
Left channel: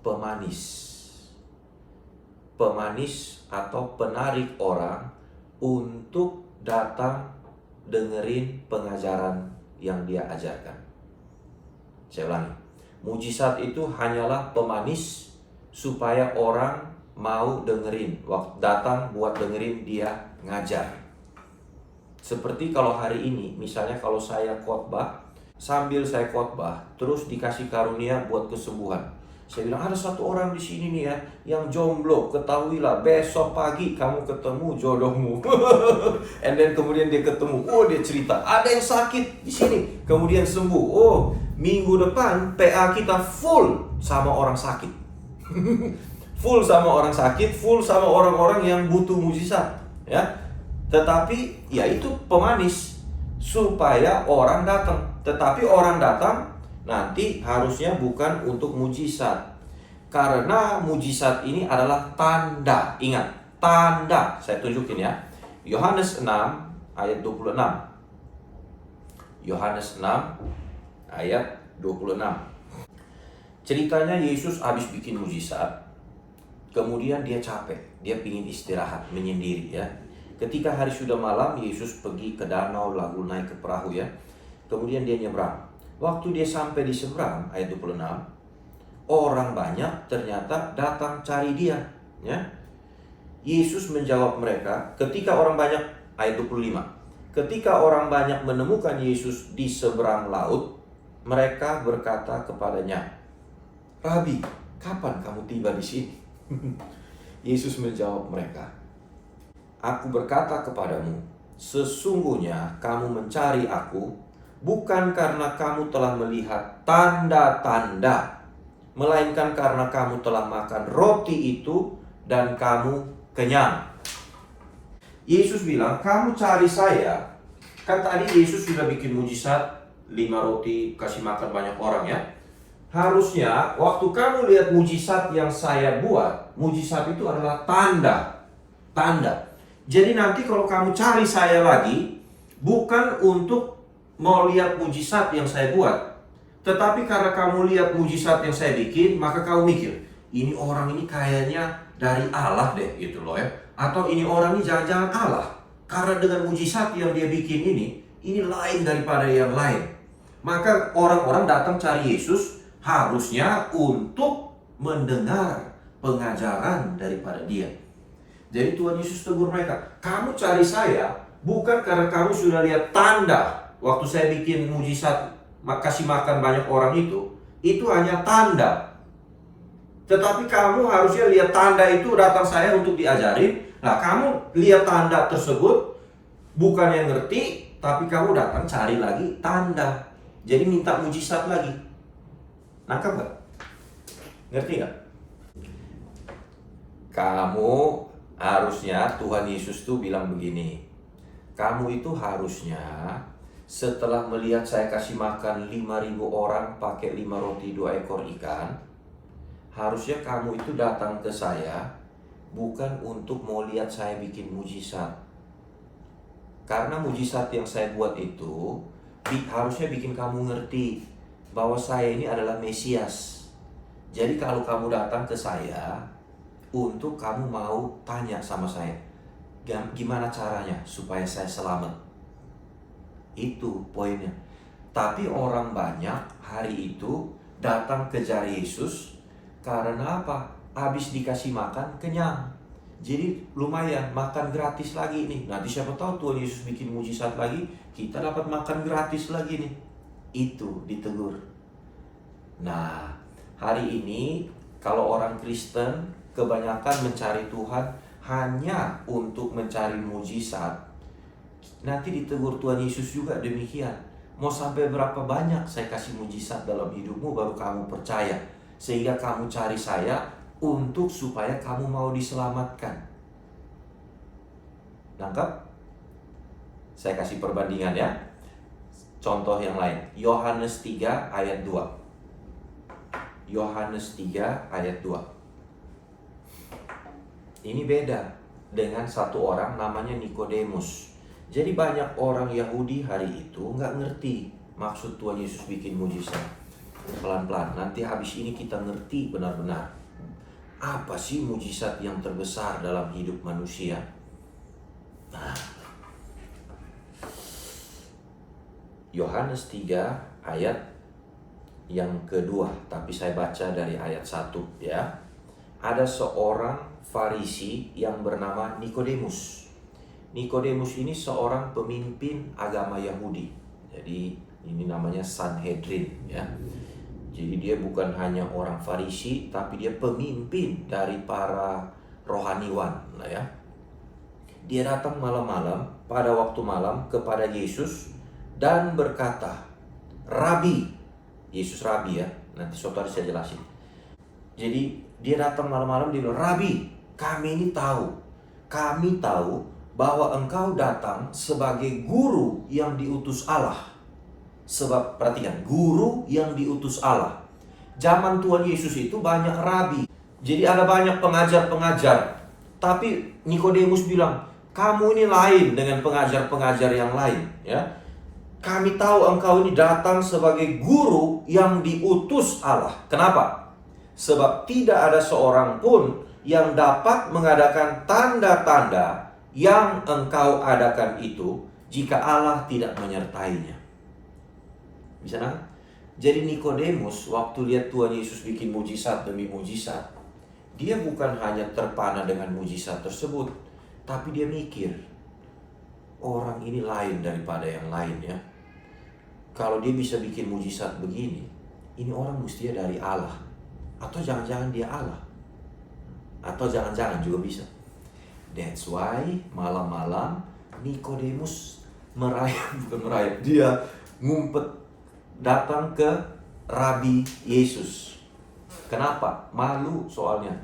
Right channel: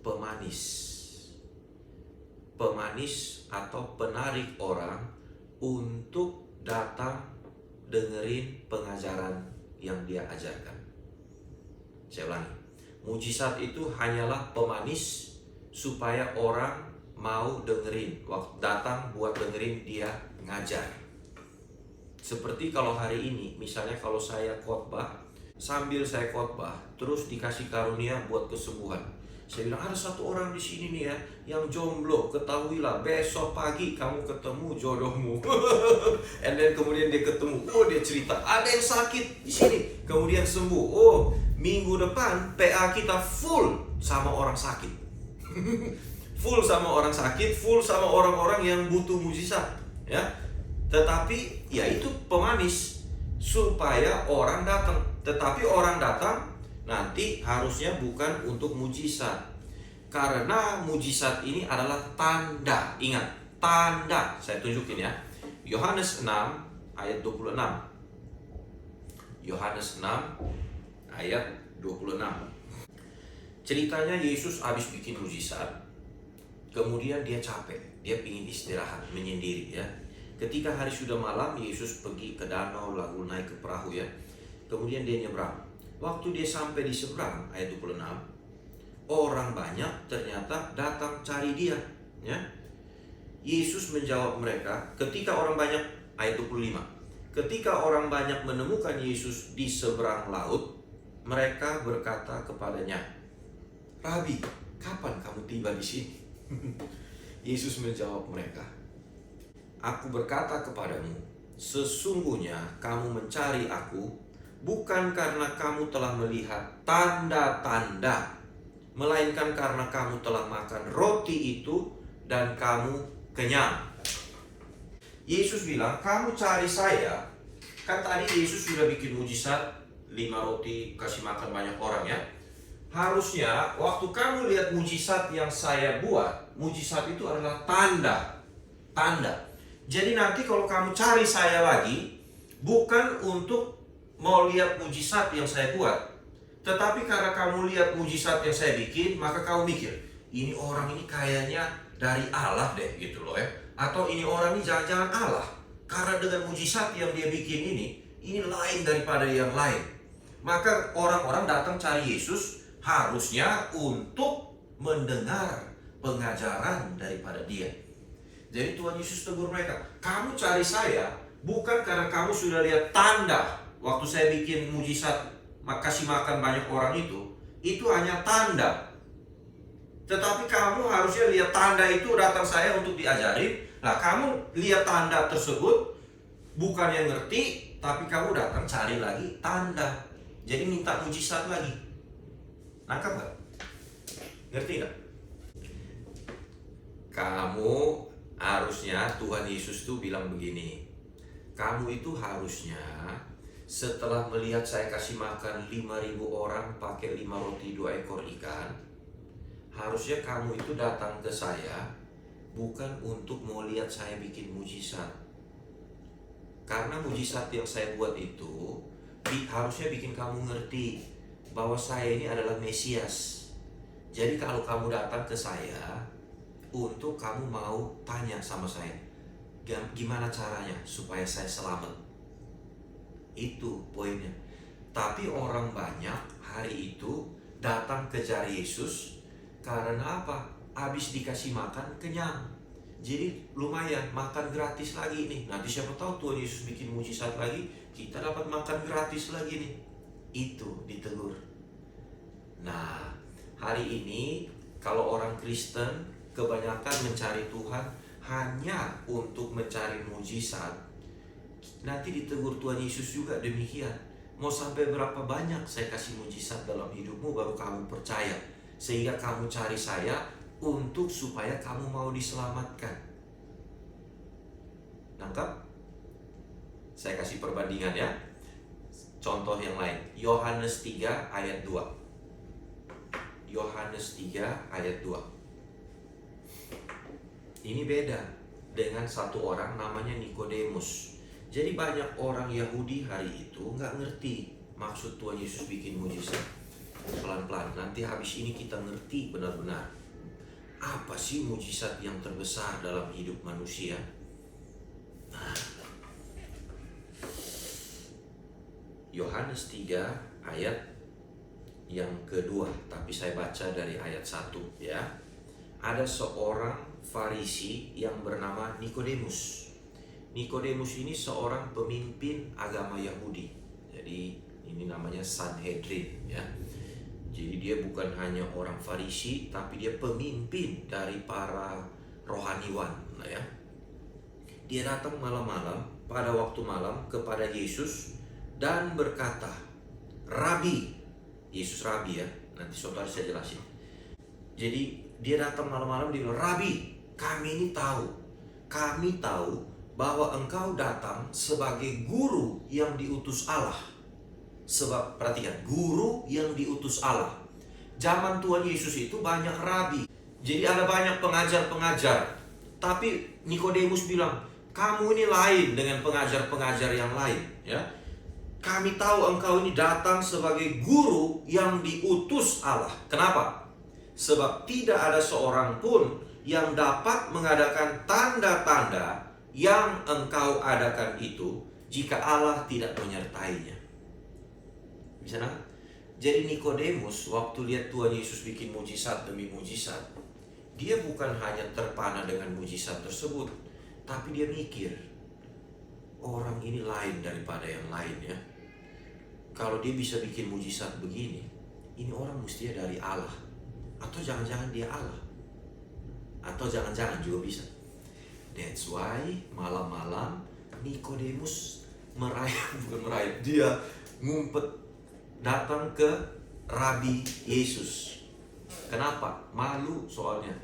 pemanis. Pemanis atau penarik orang untuk datang dengerin pengajaran yang dia ajarkan. Saya ulangi. Mujizat itu hanyalah pemanis supaya orang mau dengerin, datang buat dengerin dia ngajar. Seperti kalau hari ini, misalnya kalau saya khotbah, sambil saya khotbah, terus dikasih karunia buat kesembuhan. Saya bilang, ada satu orang di sini nih ya, yang jomblo, ketahuilah besok pagi kamu ketemu jodohmu. And then kemudian dia ketemu, oh dia cerita, ada yang sakit di sini, kemudian sembuh. Oh, minggu depan PA kita full sama orang sakit. Full sama orang sakit, full sama orang-orang yang butuh mujizat, ya. Tetapi ya itu pemanis supaya orang datang. Tetapi orang datang nanti harusnya bukan untuk mujizat. Karena mujizat ini adalah tanda. Ingat, tanda. Saya tunjukin ya. Yohanes 6 ayat 26. Yohanes 6 ayat 26. Ceritanya Yesus habis bikin mujizat. Kemudian dia capek. Dia ingin istirahat, menyendiri ya. Ketika hari sudah malam, Yesus pergi ke danau lalu naik ke perahu ya. Kemudian dia nyebrang. Waktu dia sampai di seberang, ayat 26, orang banyak ternyata datang cari dia ya. Yesus menjawab mereka, ketika orang banyak, ayat 25, ketika orang banyak menemukan Yesus di seberang laut, mereka berkata kepadanya, Rabi, kapan kamu tiba di sini? Yesus menjawab mereka, aku berkata kepadamu, sesungguhnya kamu mencari aku bukan karena kamu telah melihat tanda-tanda, melainkan karena kamu telah makan roti itu dan kamu kenyang. Yesus bilang, kamu cari saya. Kan tadi Yesus sudah bikin mujizat, 5 roti kasih makan banyak orang ya. Harusnya waktu kamu lihat mujizat yang saya buat, mujizat itu adalah tanda. Tanda. Jadi nanti kalau kamu cari saya lagi, bukan untuk mau lihat mujizat yang saya buat, tetapi karena kamu lihat mujizat yang saya bikin, maka kamu mikir, ini orang ini kayaknya dari Allah deh gitu loh ya. Atau ini orang ini jangan-jangan Allah. Karena dengan mujizat yang dia bikin ini lain daripada yang lain. Maka orang-orang datang cari Yesus harusnya untuk mendengar pengajaran daripada dia. Jadi Tuhan Yesus tegur mereka, kamu cari saya bukan karena kamu sudah lihat tanda. Waktu saya bikin mujizat kasih makan banyak orang itu hanya tanda. Tetapi kamu harusnya lihat tanda itu, datang saya untuk diajarin. Nah, kamu lihat tanda tersebut, bukan yang ngerti, tapi kamu datang cari lagi tanda. Jadi minta mujizat lagi. Nangkap gak? Ngerti gak? Kamu harusnya, Tuhan Yesus tuh bilang begini, kamu itu harusnya setelah melihat saya kasih makan 5.000 orang pakai 5 roti 2 ekor ikan, harusnya kamu itu datang ke saya bukan untuk mau lihat saya bikin mujizat. Karena mujizat yang saya buat itu harusnya bikin kamu ngerti bahwa saya ini adalah Mesias. Jadi kalau kamu datang ke saya untuk kamu mau tanya sama saya, gimana caranya supaya saya selamat. Itu poinnya. Tapi orang banyak hari itu datang kejar Yesus karena apa? Habis dikasih makan kenyang. Jadi lumayan makan gratis lagi nih. Nanti siapa tahu Tuhan Yesus bikin mujizat lagi, kita dapat makan gratis lagi nih. Itu ditegur. Nah, hari ini kalau orang Kristen kebanyakan mencari Tuhan hanya untuk mencari mujizat, nanti ditegur Tuhan Yesus juga demikian. Mau sampai berapa banyak saya kasih mujizat dalam hidupmu baru kamu percaya, sehingga kamu cari saya untuk supaya kamu mau diselamatkan. Nangkap? Saya kasih perbandingan ya. Contoh yang lain, Yohanes 3 ayat 2. Yohanes 3 ayat 2. Ini beda dengan satu orang namanya Nikodemus. Jadi banyak orang Yahudi hari itu nggak ngerti maksud Tuhan Yesus bikin mujizat. Pelan-pelan, nanti habis ini kita ngerti benar-benar apa sih mujizat yang terbesar dalam hidup manusia. Nah, Yohanes 3 ayat yang kedua, tapi saya baca dari ayat 1 ya. Ada seorang Farisi yang bernama Nikodemus. Nikodemus ini seorang pemimpin agama Yahudi. Jadi ini namanya Sanhedrin ya. Jadi dia bukan hanya orang Farisi, tapi dia pemimpin dari para rohaniwan ya. Dia datang malam-malam, pada waktu malam kepada Yesus dan berkata, Rabi. Yesus Rabi ya, nanti saudara saya jelasin. Jadi dia datang malam-malam, dia bilang, Rabi, kami tahu bahwa engkau datang sebagai guru yang diutus Allah. Sebab perhatikan, guru yang diutus Allah. Zaman Tuhan Yesus itu banyak rabi. Jadi ada banyak pengajar-pengajar. Tapi Nikodemus bilang, kamu ini lain dengan pengajar-pengajar yang lain ya. Kami tahu engkau ini datang sebagai guru yang diutus Allah. Kenapa? Sebab tidak ada seorang pun yang dapat mengadakan tanda-tanda yang engkau adakan itu jika Allah tidak menyertainya. Bisa kan? Jadi Nikodemus waktu lihat Tuhan Yesus bikin mujizat demi mujizat, dia bukan hanya terpana dengan mujizat tersebut, tapi dia mikir, orang ini lain daripada yang lain ya. Kalau dia bisa bikin mujizat begini, ini orang mestinya dari Allah. Atau jangan-jangan dia Allah. Atau jangan-jangan juga bisa. That's why malam-malam Nikodemus dia ngumpet datang ke Rabi Yesus. Kenapa? Malu soalnya.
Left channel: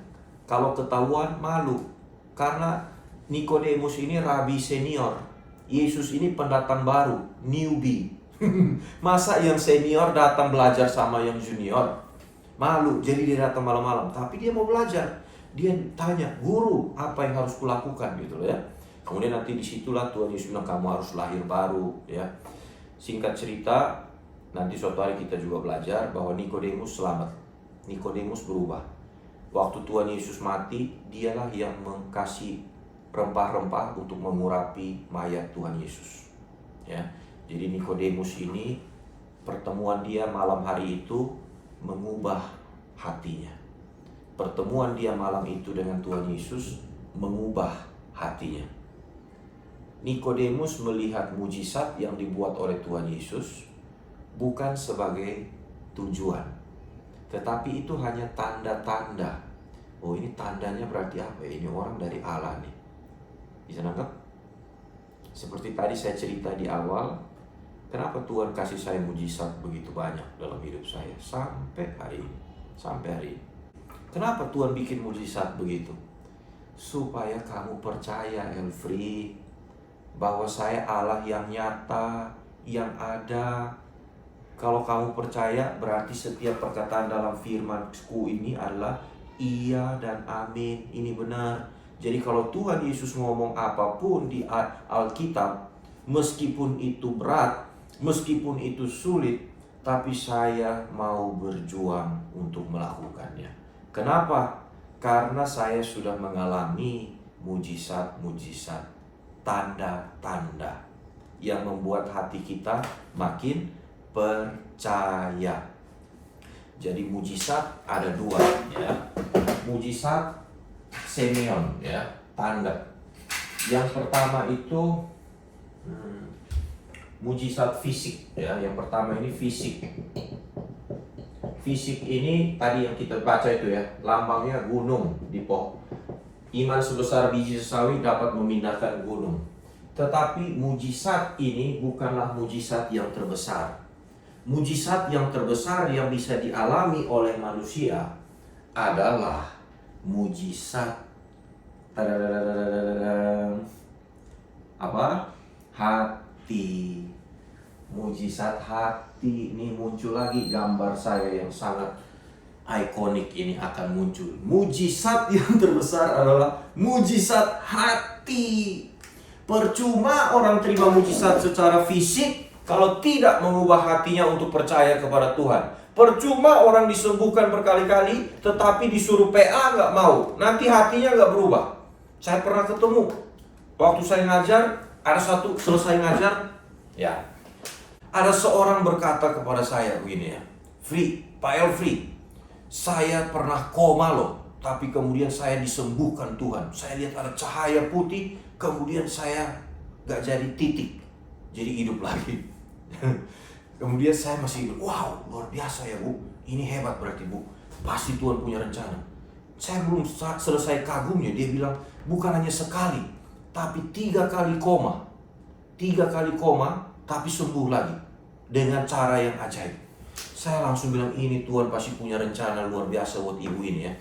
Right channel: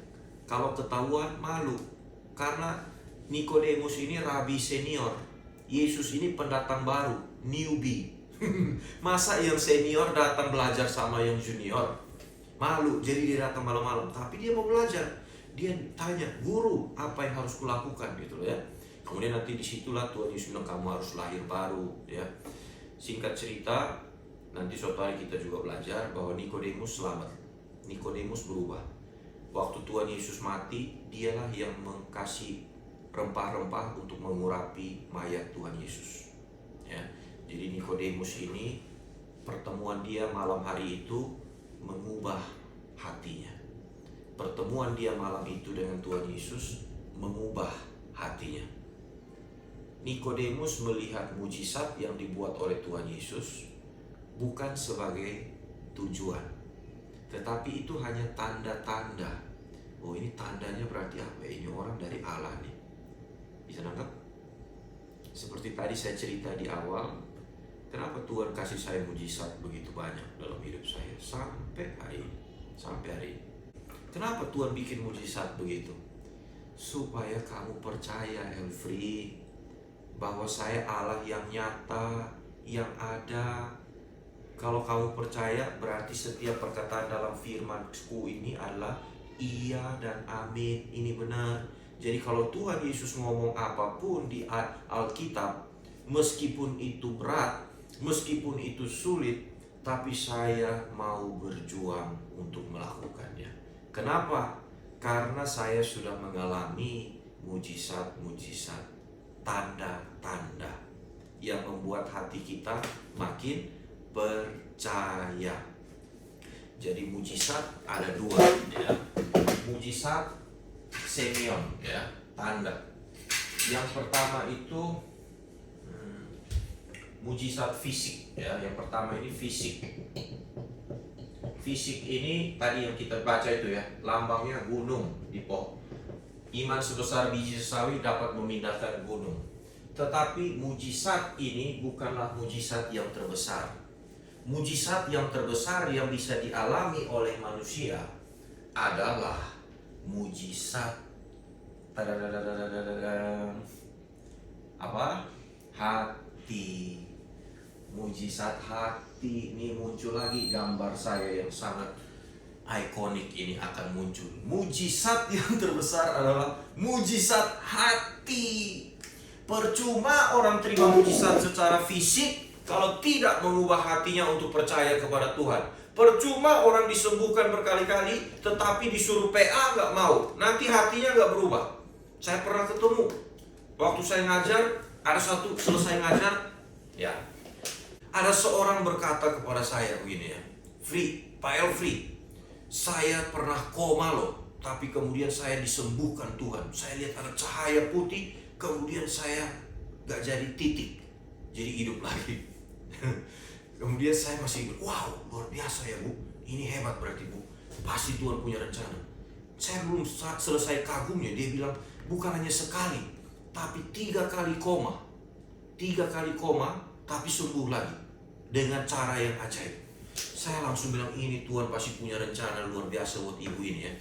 Kalau ketahuan malu. Karena Nikodemus ini rabi senior. Yesus ini pendatang baru, newbie. Masa yang senior datang belajar sama yang junior? Malu, jadi dia datang malam-malam. Tapi dia mau belajar. Dia tanya, guru, apa yang harus kulakukan gitu ya. Kemudian nanti disitulah Tuhan Yesus bilang, kamu harus lahir baru ya. Singkat cerita, nanti suatu hari kita juga belajar bahwa Nikodemus selamat. Nikodemus berubah. Waktu Tuhan Yesus mati, dialah yang mengkasih rempah-rempah untuk mengurapi mayat Tuhan Yesus. Ya, jadi Nikodemus ini pertemuan dia malam hari itu mengubah hatinya. Pertemuan dia malam itu dengan Tuhan Yesus mengubah hatinya. Nikodemus melihat mujizat yang dibuat oleh Tuhan Yesus bukan sebagai tujuan, tetapi itu hanya tanda-tanda. Oh, ini tandanya berarti apa? Ini orang dari Allah nih. Bisa nangkep? Seperti tadi saya cerita di awal, kenapa Tuhan kasih saya mujizat begitu banyak dalam hidup saya sampai hari ini. Kenapa Tuhan bikin mujizat begitu? Supaya kamu percaya, Elfri, bahwa saya Allah yang nyata, yang ada. Kalau kamu percaya, berarti setiap perkataan dalam firman-Ku ini adalah iya dan amin. Ini benar. Jadi kalau Tuhan Yesus ngomong apapun di Alkitab, meskipun itu berat, meskipun itu sulit, tapi saya mau berjuang untuk melakukannya. Kenapa? Karena saya sudah mengalami mujizat-mujizat, tanda-tanda yang membuat hati kita makin percaya. Jadi mujizat ada dua, ya. Mujizat semeion, ya, tanda. Yang pertama itu mujizat fisik, ya. Yang pertama ini fisik. Fisik ini tadi yang kita baca itu, ya, lambangnya gunung di pohon. Iman sebesar biji sawi dapat memindahkan gunung. Tetapi mujizat ini bukanlah mujizat yang terbesar. Mujizat yang terbesar yang bisa dialami oleh manusia adalah mujizat apa? Hati. Mujizat hati. Ini muncul lagi gambar saya yang sangat ikonik ini akan muncul. Mujizat yang terbesar adalah mujizat hati. Percuma orang terima mujizat secara fisik kalau tidak mengubah hatinya untuk percaya kepada Tuhan. Percuma orang disembuhkan berkali-kali tetapi disuruh PA nggak mau. Nanti hatinya nggak berubah. Saya pernah ketemu waktu saya ngajar, ada satu selesai ngajar, ya, ada seorang berkata kepada saya begini, ya, Pak Elfri, saya pernah koma loh, tapi kemudian saya disembuhkan Tuhan. Saya lihat ada cahaya putih, kemudian saya gak jadi titik, jadi hidup lagi. Kemudian saya masih hidup. Wow, luar biasa ya Bu, ini hebat berarti Bu, pasti Tuhan punya rencana. Saya belum selesai kagumnya, dia bilang bukan hanya sekali, tapi 3 kali koma. 3 kali koma, tapi sembuh lagi dengan cara yang ajaib. Saya langsung bilang ini Tuhan pasti punya rencana luar biasa buat ibu ini, ya.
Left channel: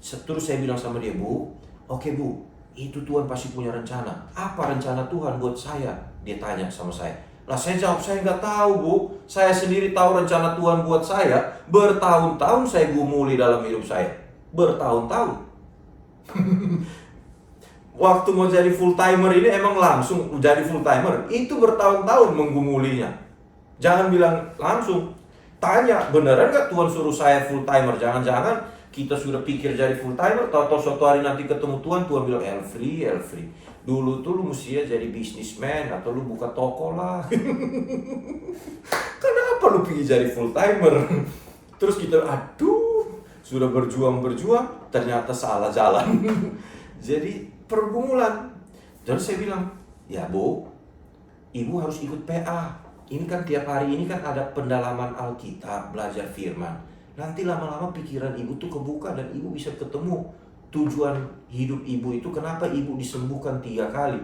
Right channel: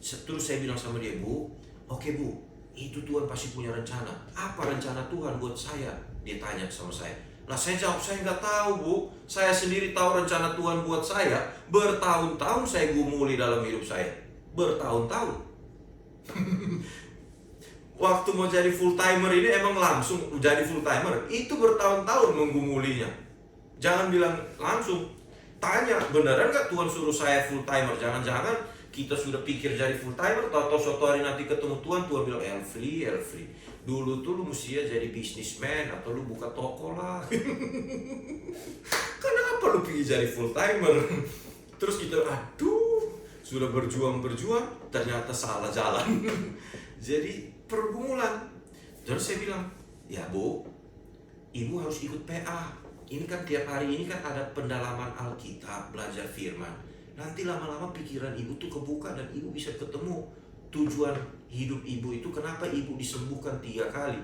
Terus saya bilang sama dia, Bu, oke Bu, itu Tuhan pasti punya rencana. Apa rencana Tuhan buat saya? Dia tanya sama saya. Lah saya jawab, saya nggak tahu Bu. Saya sendiri tahu rencana Tuhan buat saya. Bertahun-tahun saya gumuli dalam hidup saya. Bertahun-tahun. Waktu mau jadi full timer ini emang langsung jadi full timer. Itu bertahun-tahun menggumulinya. Jangan bilang langsung. Tanya, beneran gak Tuhan suruh saya full timer? Jangan-jangan kita sudah pikir jadi full timer, tahu-tahu suatu hari nanti ketemu Tuhan, Tuhan bilang, Elfri, dulu tuh lu mestinya jadi businessman atau lu buka toko lah. Kenapa lu pilih jadi full timer? Terus kita, aduh, sudah berjuang, ternyata salah jalan. Jadi pergumulan. Jadi saya bilang, ya Bu, Ibu harus ikut PA. Ini kan tiap hari ini kan ada pendalaman Alkitab, belajar firman. Nanti lama-lama pikiran ibu tuh kebuka dan ibu bisa ketemu tujuan hidup ibu itu. Kenapa ibu disembuhkan 3 kali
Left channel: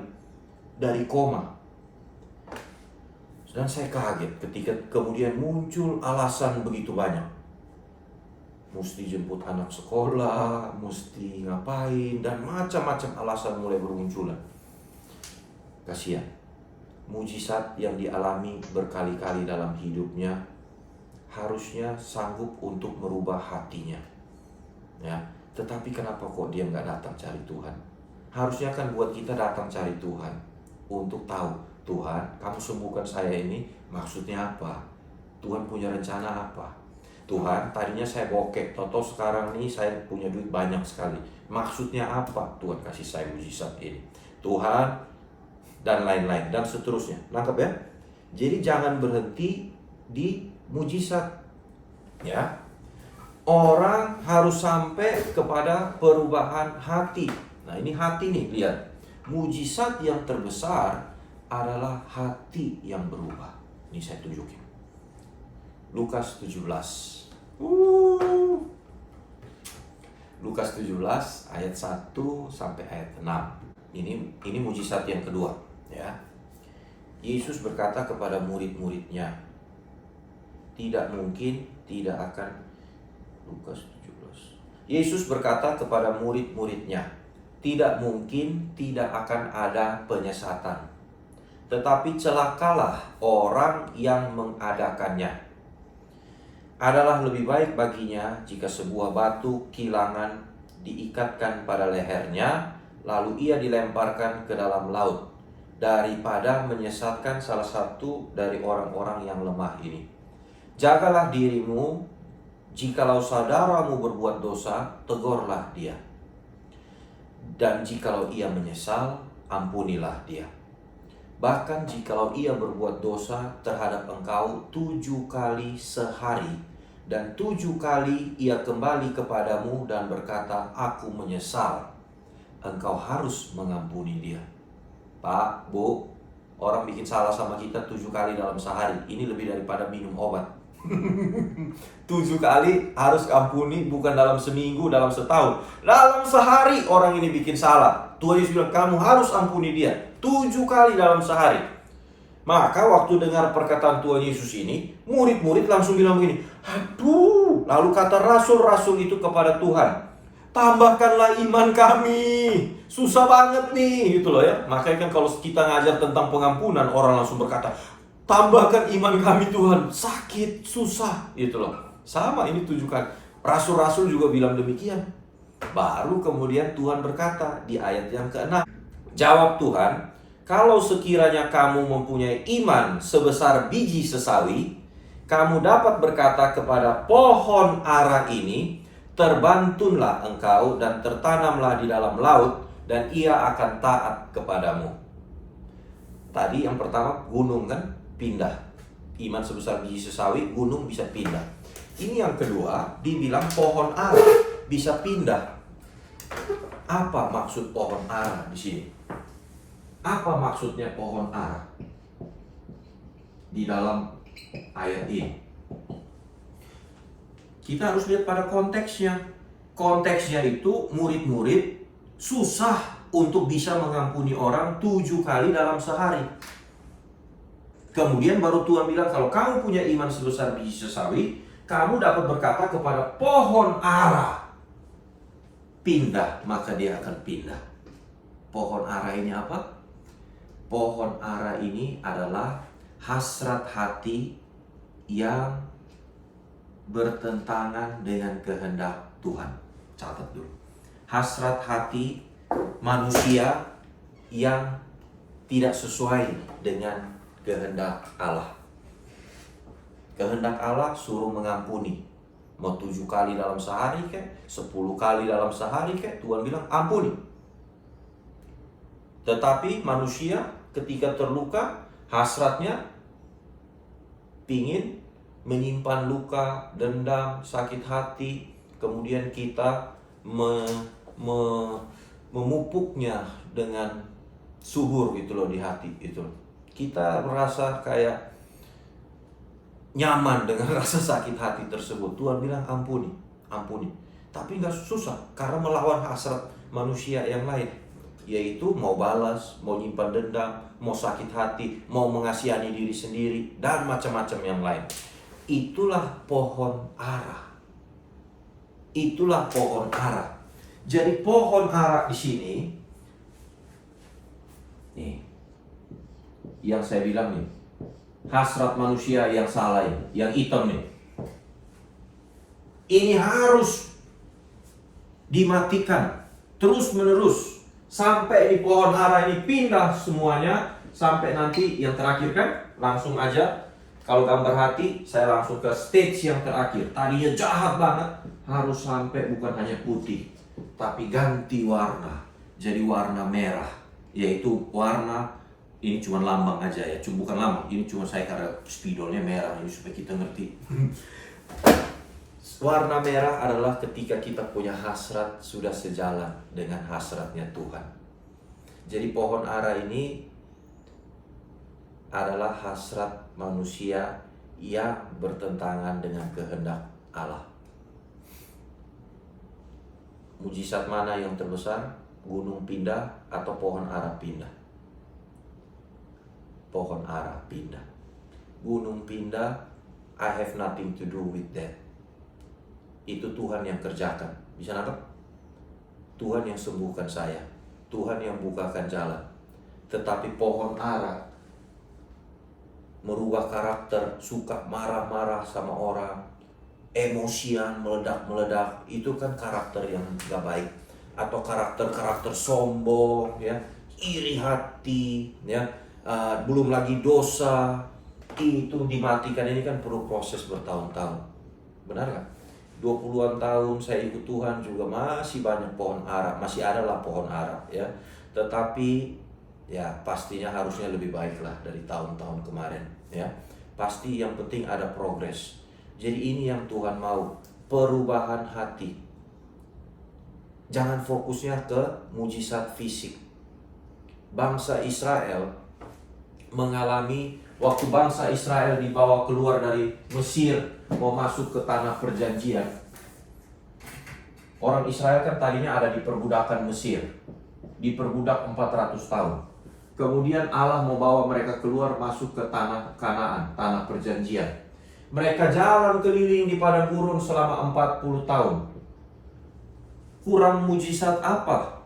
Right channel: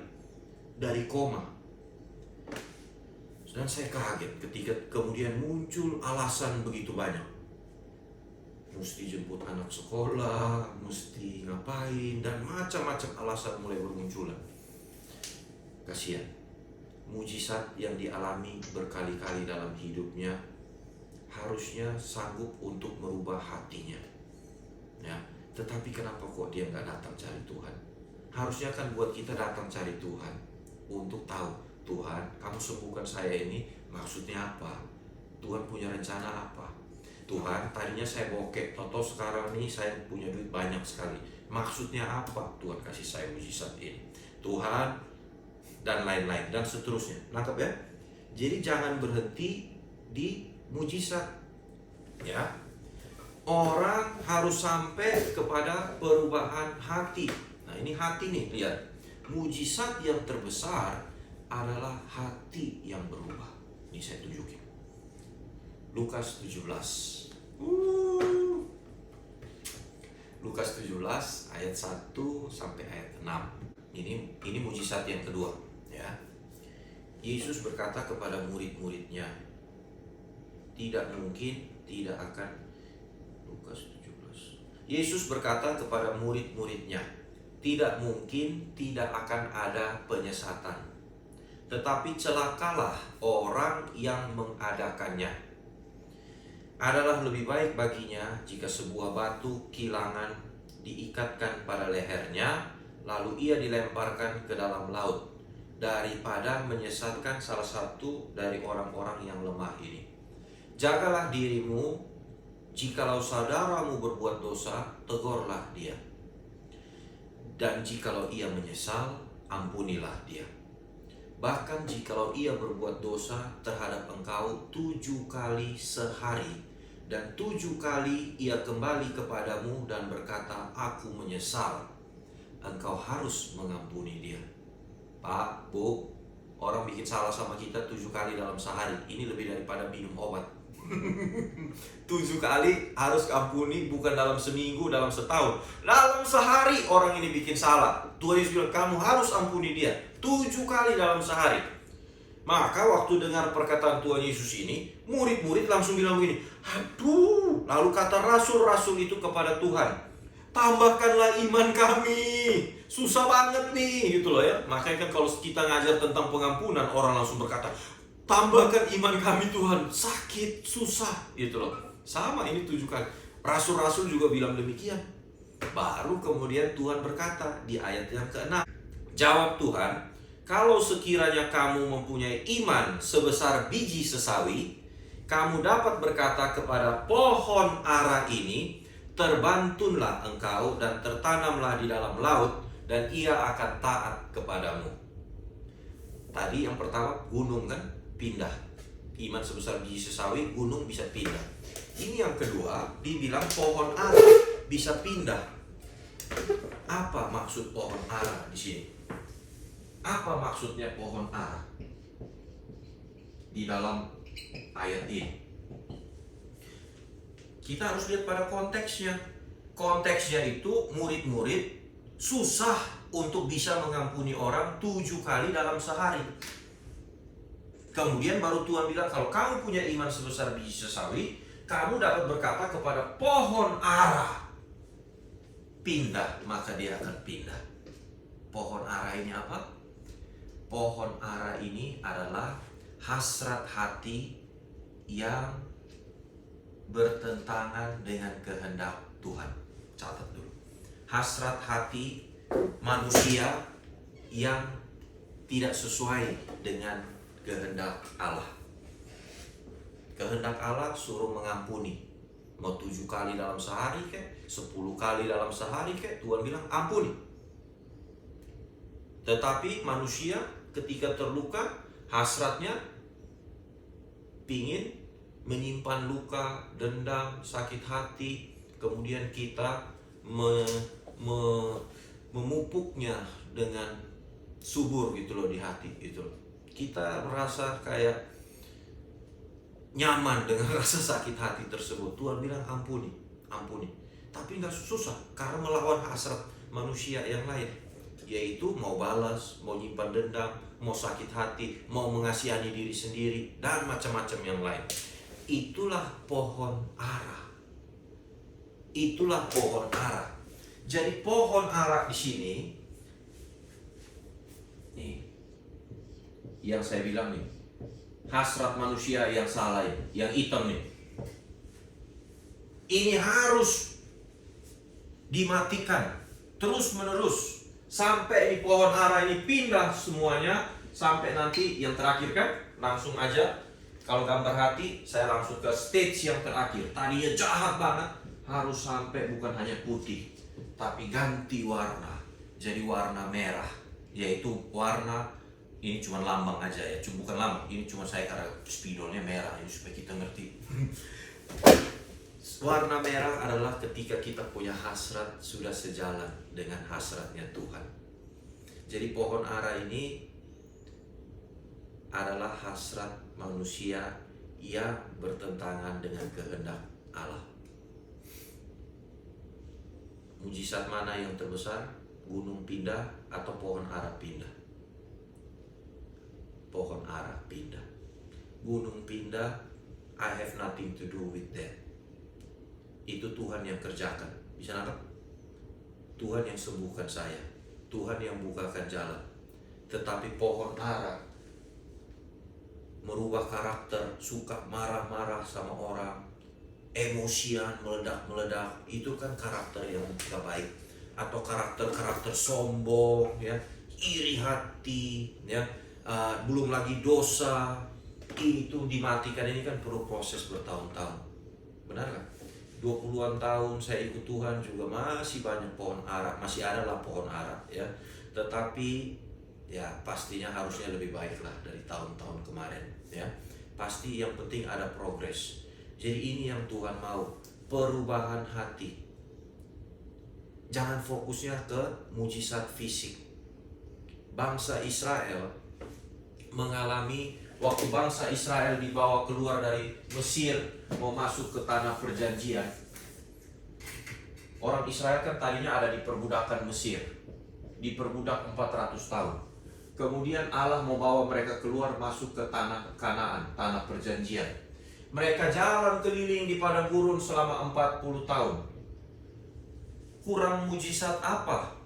dari koma. Dan saya kaget ketika kemudian muncul alasan begitu banyak. Mesti jemput anak sekolah, mesti ngapain, dan macam-macam alasan mulai bermunculan. Kasihan. Mujizat yang dialami berkali-kali dalam hidupnya harusnya sanggup untuk merubah hatinya, ya. Tetapi kenapa kok dia nggak datang cari Tuhan? Harusnya kan buat kita datang cari Tuhan untuk tahu, Tuhan, kamu sembuhkan saya ini maksudnya apa? Tuhan punya rencana apa? Tuhan, tadinya saya bokek, toto sekarang nih saya punya duit banyak sekali. Maksudnya apa? Tuhan kasih saya mujizat ini. Tuhan, dan lain-lain dan seterusnya. Nangkep ya? Jadi jangan berhenti di mujizat. Ya. Orang harus sampai kepada perubahan hati. Nah, ini hati nih, lihat. Mujizat yang terbesar adalah hati yang berubah. Ini saya tunjukin. Lukas 17. Lukas 17 ayat 1 sampai ayat 6. Ini mujizat yang kedua, ya. Yesus berkata kepada murid-muridnya, tidak mungkin, tidak akan. Lukas 17. Yesus berkata kepada murid-muridnya, tidak mungkin, tidak akan ada penyesatan. Tetapi celakalah orang yang mengadakannya. Adalah lebih baik baginya jika sebuah batu kilangan diikatkan pada lehernya, lalu ia dilemparkan ke dalam laut, daripada menyesatkan salah satu dari orang-orang yang lemah ini. Jagalah dirimu. Jikalau saudaramu berbuat dosa, tegurlah dia. Dan jikalau ia menyesal, ampunilah dia. Bahkan jikalau ia berbuat dosa terhadap engkau 7 kali sehari, dan 7 kali ia kembali kepadamu dan berkata, aku menyesal, engkau harus mengampuni dia. Pak, Bu, orang bikin salah sama kita 7 kali dalam sehari. Ini lebih daripada minum obat. 7 kali harus ampuni, bukan dalam seminggu, dalam setahun, dalam sehari orang ini bikin salah. Tuhan Yesus bilang kamu harus ampuni dia 7 kali dalam sehari. Maka waktu dengar perkataan Tuhan Yesus ini, murid-murid langsung bilang begini, aduh. Lalu kata rasul-rasul itu kepada Tuhan, tambahkanlah iman kami, susah banget nih, gitu loh ya. Makanya kan kalau kita ngajar tentang pengampunan, orang langsung berkata, tambahkan iman kami Tuhan, sakit, susah, gitu loh. Sama ini 7 kali. Rasul-rasul juga bilang demikian. Baru kemudian Tuhan berkata di ayat yang ke-6. Jawab Tuhan, kalau sekiranya kamu mempunyai iman sebesar biji sesawi, kamu dapat berkata kepada pohon ara ini, terbantunlah engkau dan tertanamlah di dalam laut, dan ia akan taat kepadamu. Tadi yang pertama gunung kan? Pindah. Iman sebesar biji sesawi, gunung bisa pindah. Ini yang kedua, dibilang pohon ara bisa pindah. Apa maksud pohon ara di sini? Apa maksudnya pohon ara di dalam ayat ini? Kita harus lihat pada konteksnya. Konteksnya itu murid-murid susah untuk bisa mengampuni orang 7 kali dalam sehari. Kemudian baru Tuhan bilang, kalau kamu punya iman sebesar biji sesawi, kamu dapat berkata kepada pohon ara, pindah, maka dia akan pindah. Pohon ara ini apa? Pohon ara ini adalah hasrat hati yang bertentangan dengan kehendak Tuhan. Catat dulu. Hasrat hati manusia yang tidak sesuai dengan kehendak Allah. Kehendak Allah suruh mengampuni. Mau 7 kali dalam sehari kek, 10 kali dalam sehari kek, Tuhan bilang ampuni. Tetapi manusia ketika terluka, hasratnya pingin menyimpan luka, dendam, sakit hati. Kemudian kita memupuknya dengan subur gitu loh di hati gitu loh. Kita merasa kayak nyaman dengan rasa sakit hati tersebut. Tuhan bilang ampuni, ampuni. Tapi nggak susah, karena melawan hasrat manusia yang lain, yaitu mau balas, mau nyimpan dendam, mau sakit hati, mau mengasihani diri sendiri, dan macam-macam yang lain. Itulah pohon ara. Itulah pohon ara. Jadi pohon ara di sini, nih, yang saya bilang nih, hasrat manusia yang salah ini, yang hitam nih, ini harus dimatikan terus menerus sampai di pohon ara ini pindah semuanya, sampai nanti yang terakhir kan langsung aja. Kalau gambar hati, saya langsung ke stage yang terakhir. Tadinya jahat banget, harus sampai bukan hanya putih, tapi ganti warna, jadi warna merah, yaitu warna Ini cuma lambang aja ya, bukan lambang, ini cuma saya karena spidolnya merah ini supaya kita ngerti. Warna merah adalah ketika kita punya hasrat sudah sejalan dengan hasratnya Tuhan. Jadi pohon ara ini adalah hasrat manusia yang bertentangan dengan kehendak Allah. Mujizat mana yang terbesar? Gunung pindah atau pohon ara pindah? Pohon ara pindah. Gunung pindah, I have nothing to do with that. Itu Tuhan yang kerjakan. Bisa nangkep? Tuhan yang sembuhkan saya, Tuhan yang bukakan jalan. Tetapi pohon ara merubah karakter, suka marah-marah sama orang, emosian, meledak-meledak, itu kan karakter yang gak baik. Atau karakter-karakter sombong, ya, iri hati, ya, belum lagi dosa, itu dimatikan. Ini kan perlu proses bertahun-tahun. Benar gak? 20-an tahun saya ikut Tuhan juga masih banyak pohon ara, masih ada lah pohon ara, ya. Tetapi ya pastinya harusnya lebih baik lah dari tahun-tahun kemarin, ya. Pasti yang penting ada progres. Jadi ini yang Tuhan mau, perubahan hati. Jangan fokusnya ke mujizat fisik. Bangsa Israel mengalami, waktu bangsa Israel dibawa keluar dari Mesir mau masuk ke tanah perjanjian. Orang Israel kan tadinya ada di perbudakan Mesir, diperbudak 400 tahun. Kemudian Allah mau bawa mereka keluar masuk ke tanah Kanaan, tanah perjanjian. Mereka jalan keliling di padang gurun selama 40 tahun. Kurang mujizat apa?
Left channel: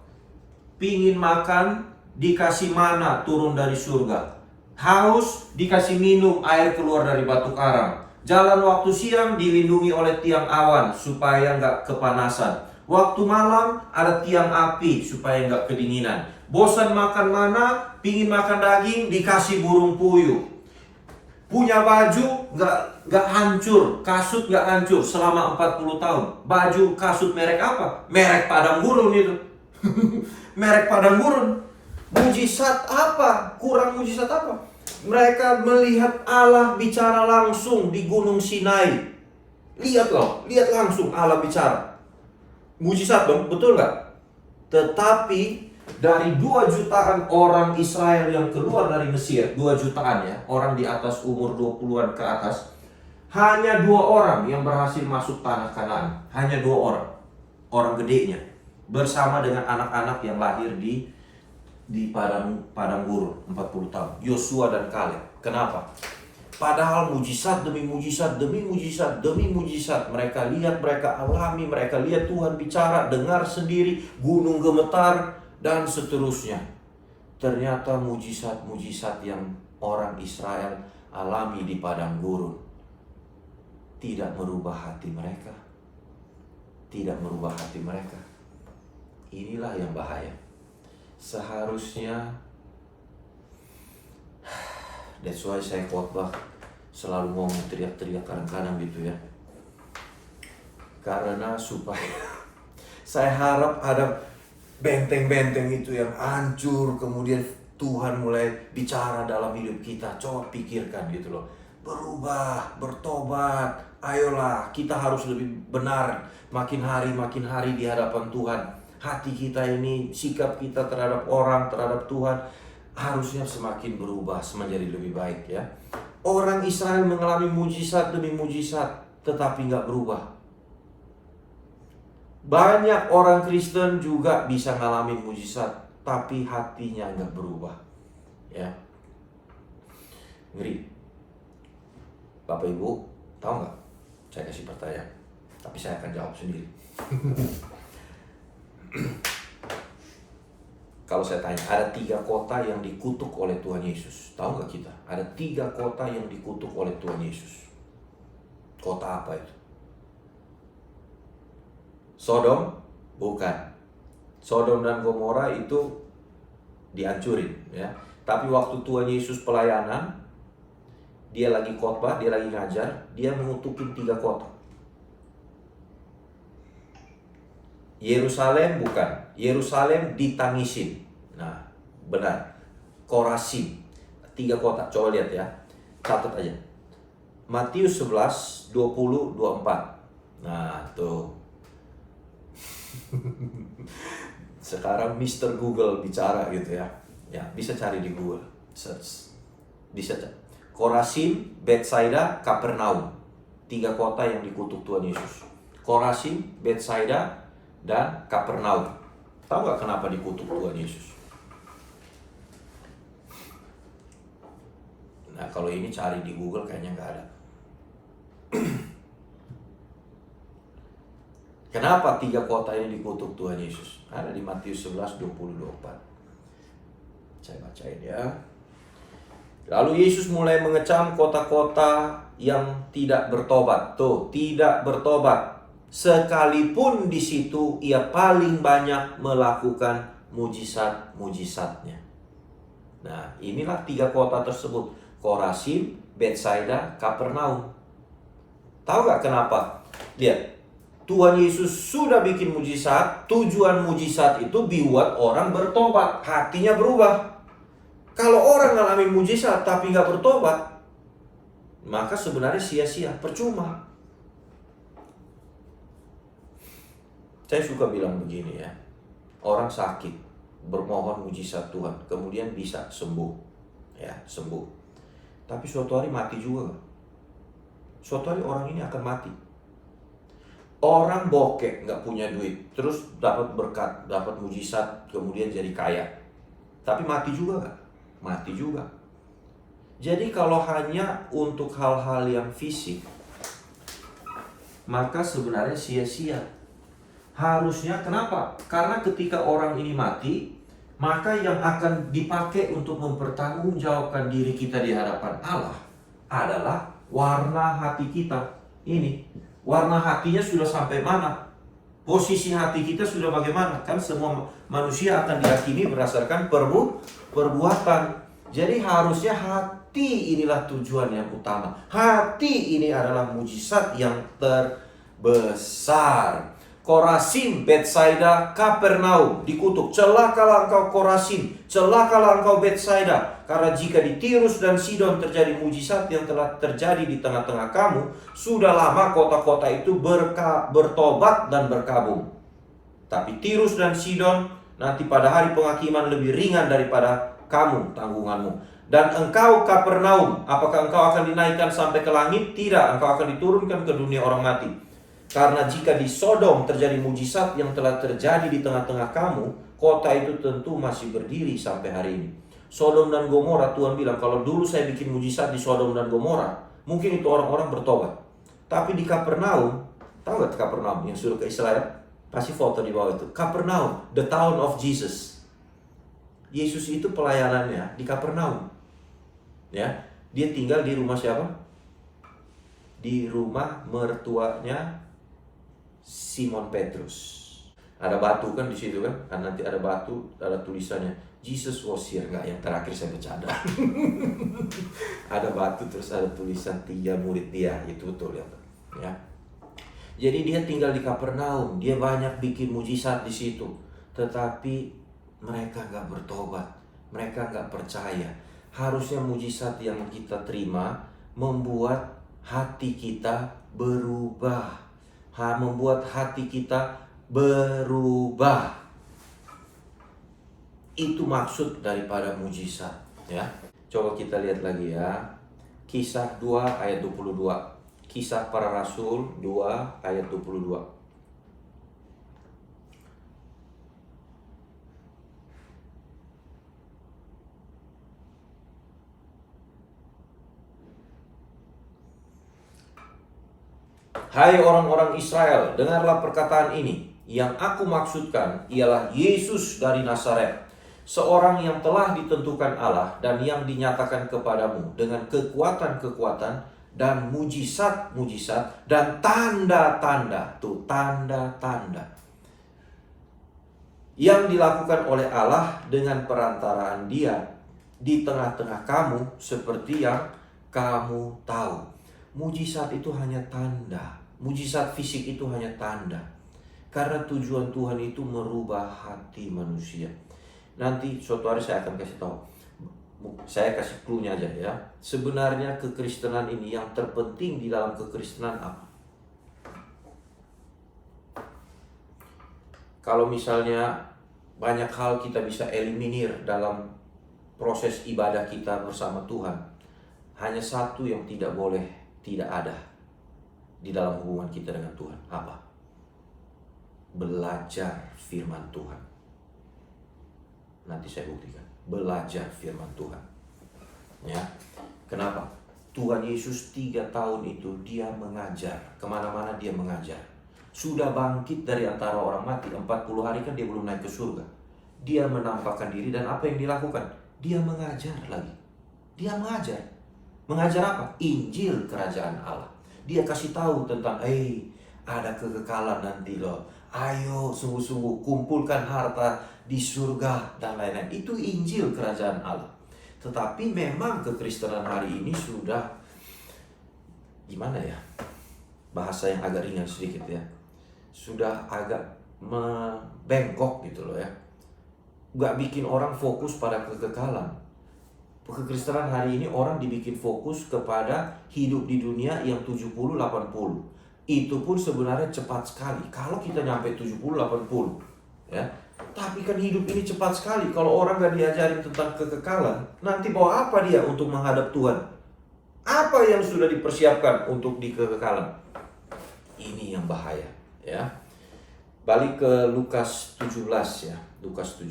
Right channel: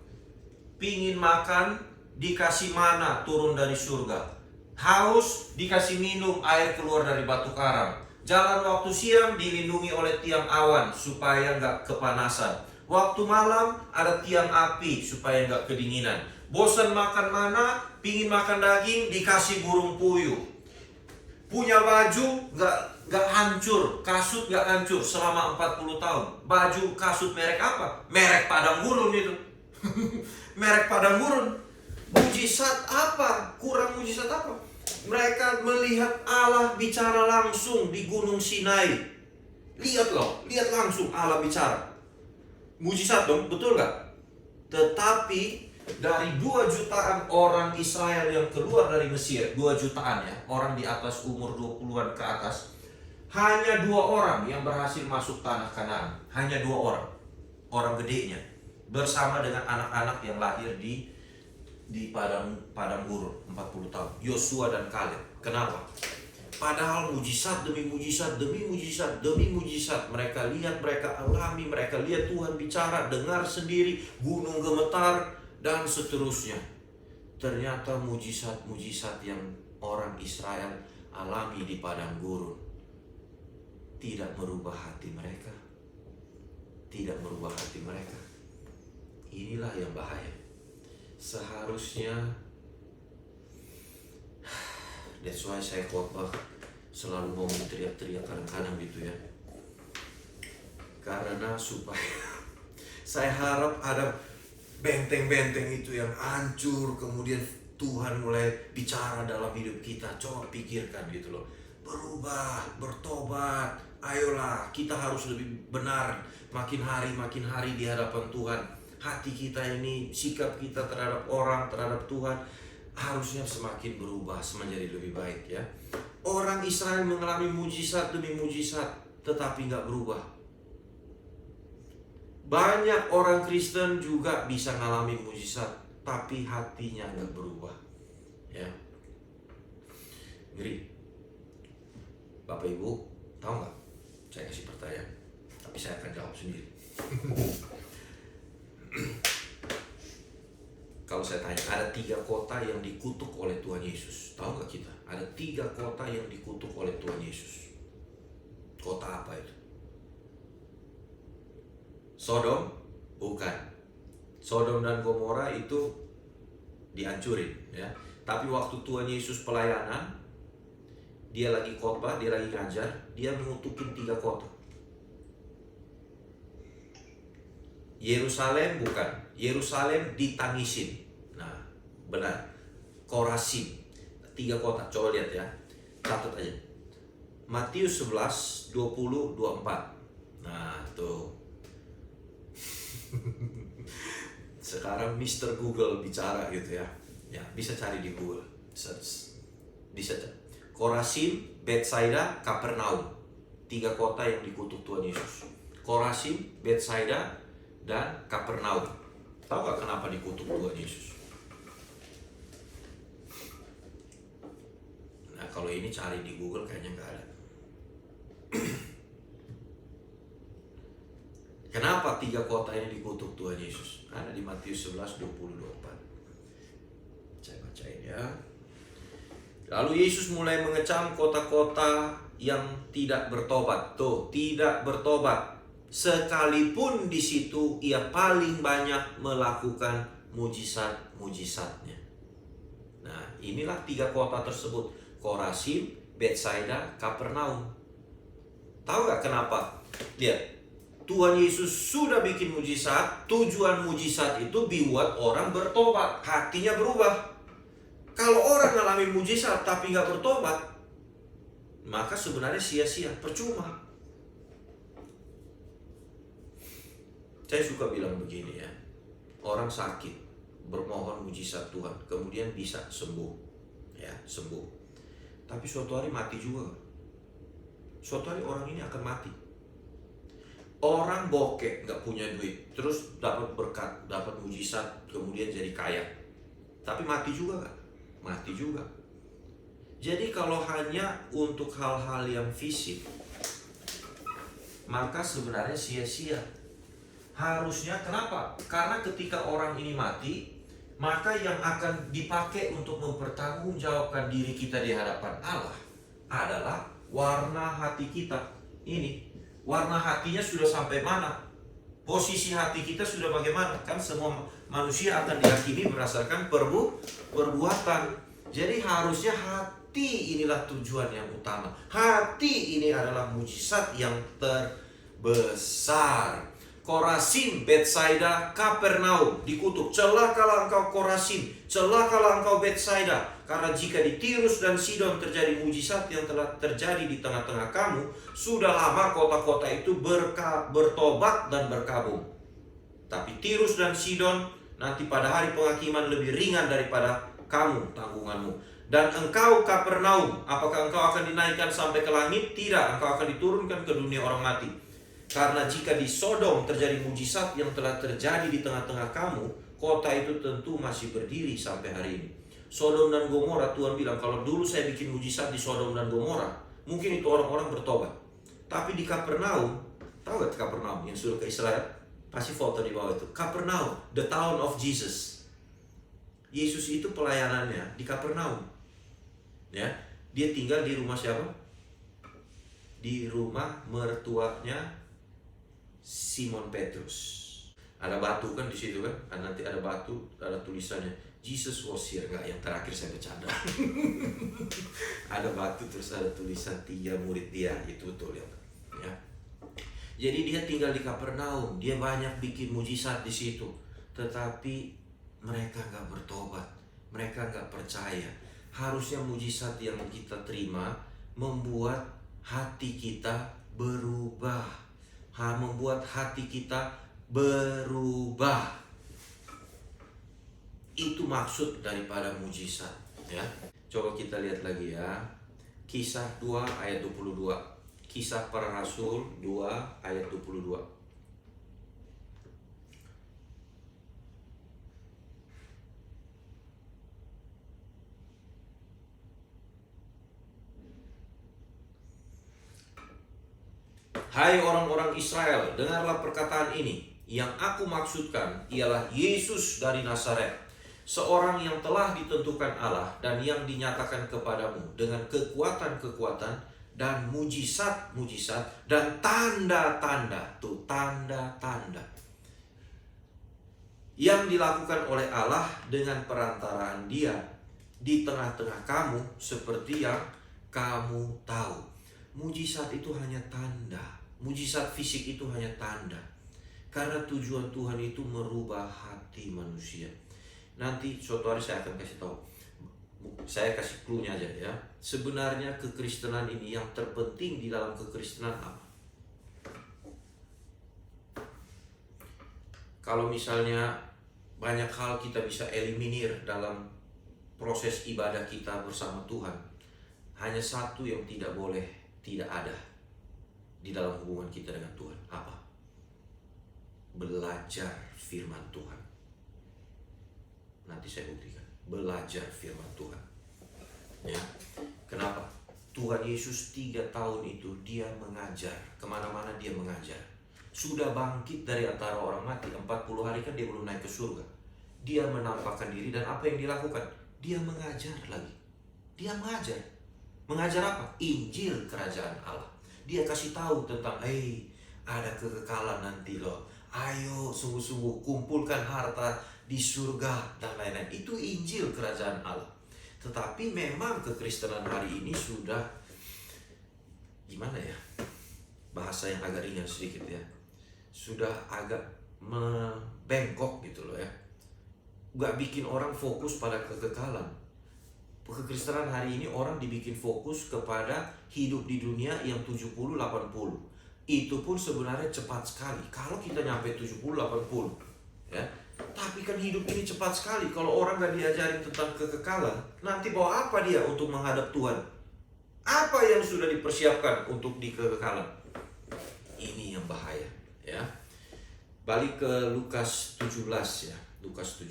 Pingin makan, dikasih mana turun dari surga. Haus, dikasih minum air keluar dari batu karang. Jalan waktu siang dilindungi oleh tiang awan supaya nggak kepanasan. Waktu malam ada tiang api supaya nggak kedinginan. Bosan makan mana, pingin makan daging, dikasih burung puyuh. Punya baju nggak hancur, kasut nggak hancur selama 40 tahun. Baju kasut merek apa? Merek padang gurun itu. Merek padang gurun. Mujizat apa? Kurang mujizat apa? Mereka melihat Allah bicara langsung di Gunung Sinai. Lihat loh, lihat langsung Allah bicara. Mujizat dong, betul nggak? Tetapi dari 2 jutaan orang Israel yang keluar dari Mesir, 2 jutaan ya, orang di atas umur 20-an ke atas, hanya 2 orang yang berhasil masuk tanah Kanaan. Hanya 2 orang, orang gedenya, bersama dengan anak-anak yang lahir di padang gurun 40 tahun, Yosua dan Kaleb. Kenapa? Padahal mujizat demi mujizat demi mujizat demi mujizat mereka lihat, mereka alami, mereka lihat Tuhan bicara, dengar sendiri, gunung gemetar dan seterusnya. Ternyata mujizat-mujizat yang orang Israel alami di padang gurun tidak merubah hati mereka. Tidak merubah hati mereka. Inilah yang bahaya. Seharusnya, that's why saya khotbah selalu ngomong teriak-teriak kadang-kadang gitu ya. Karena supaya saya harap ada benteng-benteng itu yang hancur, kemudian Tuhan mulai bicara dalam hidup kita. Coba pikirkan gitu loh. Berubah, bertobat, ayolah, kita harus lebih benar makin hari di hadapan Tuhan. Hati kita ini, sikap kita terhadap orang, terhadap Tuhan harusnya semakin berubah, menjadi lebih baik ya. Orang Israel mengalami mujizat demi mujizat, tetapi nggak berubah. Banyak orang Kristen juga bisa ngalamin mujizat, tapi hatinya nggak berubah ya. Ngeri. Bapak Ibu, tahu nggak? Saya kasih pertanyaan, tapi saya akan jawab sendiri. Kalau saya tanya, ada 3 kota yang dikutuk oleh Tuhan Yesus. Tahu nggak kita? Ada 3 kota yang dikutuk oleh Tuhan Yesus. Kota apa itu? Sodom? Bukan. Sodom dan Gomora itu dihancurin ya. Tapi waktu Tuhan Yesus pelayanan, dia lagi khotbah, dia lagi ngajar, dia mengutukin 3 kota. Yerusalem bukan. Yerusalem ditangisin. Nah, benar. Korazim. 3 kota, coba lihat ya. Catat aja. Matius 11, 20, 24. Nah, tuh. Sekarang Mr. Google bicara gitu ya. Ya, bisa cari di Google, search. Bisa cari. Korazim, Betsaida, Kapernaum. 3 kota yang dikutuk Tuhan Yesus. Korazim, Betsaida, dan Kapernaum. Tahu gak kenapa dikutuk Tuhan Yesus? Nah, kalau ini cari di Google kayaknya nggak ada. Kenapa 3 kota ini dikutuk Tuhan Yesus? Ada di Matius 11, 20, 24. Saya bacain ya. Lalu Yesus mulai mengecam kota-kota yang tidak bertobat. Tuh, tidak bertobat. Sekalipun di situ ia paling banyak melakukan mujizat-mujizatnya. Nah, inilah 3 kota tersebut. Korazim, Betsaida, Kapernaum. Tahu gak kenapa? Lihat. Tuhan Yesus sudah bikin mujizat. Tujuan mujizat itu buat orang bertobat, hatinya berubah. Kalau orang ngalamin mujizat tapi nggak bertobat, maka sebenarnya sia-sia, percuma. Saya suka bilang begini ya, orang sakit bermohon mujizat Tuhan, kemudian bisa sembuh, ya sembuh. Tapi suatu hari mati juga. Suatu hari orang ini akan mati. Orang bokeh, nggak punya duit, terus dapat berkat, dapat mujizat, kemudian jadi kaya. Tapi mati juga nggak? Mati juga. Jadi kalau hanya untuk hal-hal yang fisik, maka sebenarnya sia-sia. Harusnya kenapa? Karena ketika orang ini mati, maka yang akan dipakai untuk mempertanggungjawabkan diri kita di hadapan Allah adalah warna hati kita. Ini warna hatinya sudah sampai mana? Posisi hati kita sudah bagaimana? Kan semua manusia akan dihakimi berdasarkan perbuatan. Jadi harusnya hati inilah tujuan yang utama. Hati ini adalah mujizat yang terbesar. Korazim, Betsaida, Kapernaum dikutuk. Celakalah engkau Korazim, celakalah engkau Betsaida. Karena jika di Tirus dan Sidon terjadi mujizat yang telah terjadi di tengah-tengah kamu, sudah lama kota-kota itu bertobat dan berkabung. Tapi Tirus dan Sidon nanti pada hari penghakiman lebih ringan daripada kamu tanggunganmu. Dan engkau Kapernaum, apakah engkau akan dinaikkan sampai ke langit? Tidak, engkau akan diturunkan ke dunia orang mati. Karena jika di Sodom terjadi mujizat yang telah terjadi di tengah-tengah kamu, kota itu tentu masih berdiri sampai hari ini. Sodom dan Gomora, Tuhan bilang, kalau dulu saya bikin mujizat di Sodom dan Gomora, mungkin itu orang-orang bertobat. Tapi di Kapernaum, tahu gak Kapernaum yang suruh ke Israel? Kasih foto di bawah itu. Kapernaum, the town of Jesus. Yesus itu pelayanannya di Kapernaum. Ya, dia tinggal di rumah siapa? Di rumah mertuanya Simon Petrus. Ada batu kan di situ kan? Nanti ada batu, ada tulisannya Jesus was here. Enggak, yang terakhir saya bercanda. Ada batu terus ada tulisan 3 murid dia. Itu betul ya. Jadi dia tinggal di Kapernaum. Dia banyak bikin mujizat di situ. Tetapi mereka enggak bertobat. Mereka enggak percaya. Harusnya mujizat yang kita terima membuat hati kita berubah. Membuat hati kita berubah. Itu maksud daripada mujizat, ya. Coba kita lihat lagi ya. Kisah 2 ayat 22. Kisah para Rasul 2 ayat 22. Hai orang-orang Israel, dengarlah perkataan ini. Yang aku maksudkan ialah Yesus dari Nazaret, seorang yang telah ditentukan Allah dan yang dinyatakan kepadamu dengan kekuatan-kekuatan dan mujizat-mujizat dan tanda-tanda. Tuh, tanda-tanda yang dilakukan oleh Allah dengan perantaraan Dia di tengah-tengah kamu, seperti yang kamu tahu. Mujizat itu hanya tanda. Mujizat fisik itu hanya tanda. Karena tujuan Tuhan itu merubah hati manusia. Nanti suatu hari saya akan kasih tahu. Saya kasih clue-nya aja ya. Sebenarnya kekristenan ini yang terpenting di dalam kekristenan apa? Kalau misalnya banyak hal kita bisa eliminir dalam proses ibadah kita bersama Tuhan, hanya satu yang tidak boleh tidak ada di dalam hubungan kita dengan Tuhan. Apa? Belajar firman Tuhan. Nanti saya buktikan. Belajar firman Tuhan. Ya. Kenapa? Tuhan Yesus 3 tahun itu dia mengajar. Kemana-mana dia mengajar. Sudah bangkit dari antara orang mati 40 hari kan dia belum naik ke surga. Dia menampakkan diri dan apa yang dilakukan? Dia mengajar lagi. Dia mengajar. Mengajar apa? Injil kerajaan Allah. Dia kasih tahu tentang ada kekekalan nanti loh. Ayo sungguh-sungguh kumpulkan harta di surga dan lain-lain. Itu Injil kerajaan Allah. Tetapi memang kekristenan hari ini sudah gimana ya? Bahasa yang agak ringan sedikit ya. Sudah agak membengkok gitu loh ya. Gak bikin orang fokus pada kekekalan. Kekristenan hari ini orang dibikin fokus kepada hidup di dunia yang 70-80. Itu pun sebenarnya cepat sekali. Kalau kita nyampe 70-80 ya. Tapi kan hidup ini cepat sekali. Kalau orang gak diajarin tentang kekekalan, nanti bawa apa dia untuk menghadap Tuhan? Apa yang sudah dipersiapkan untuk di kekekalan? Ini yang bahaya ya. Balik ke Lukas 17 ya. Lukas 17.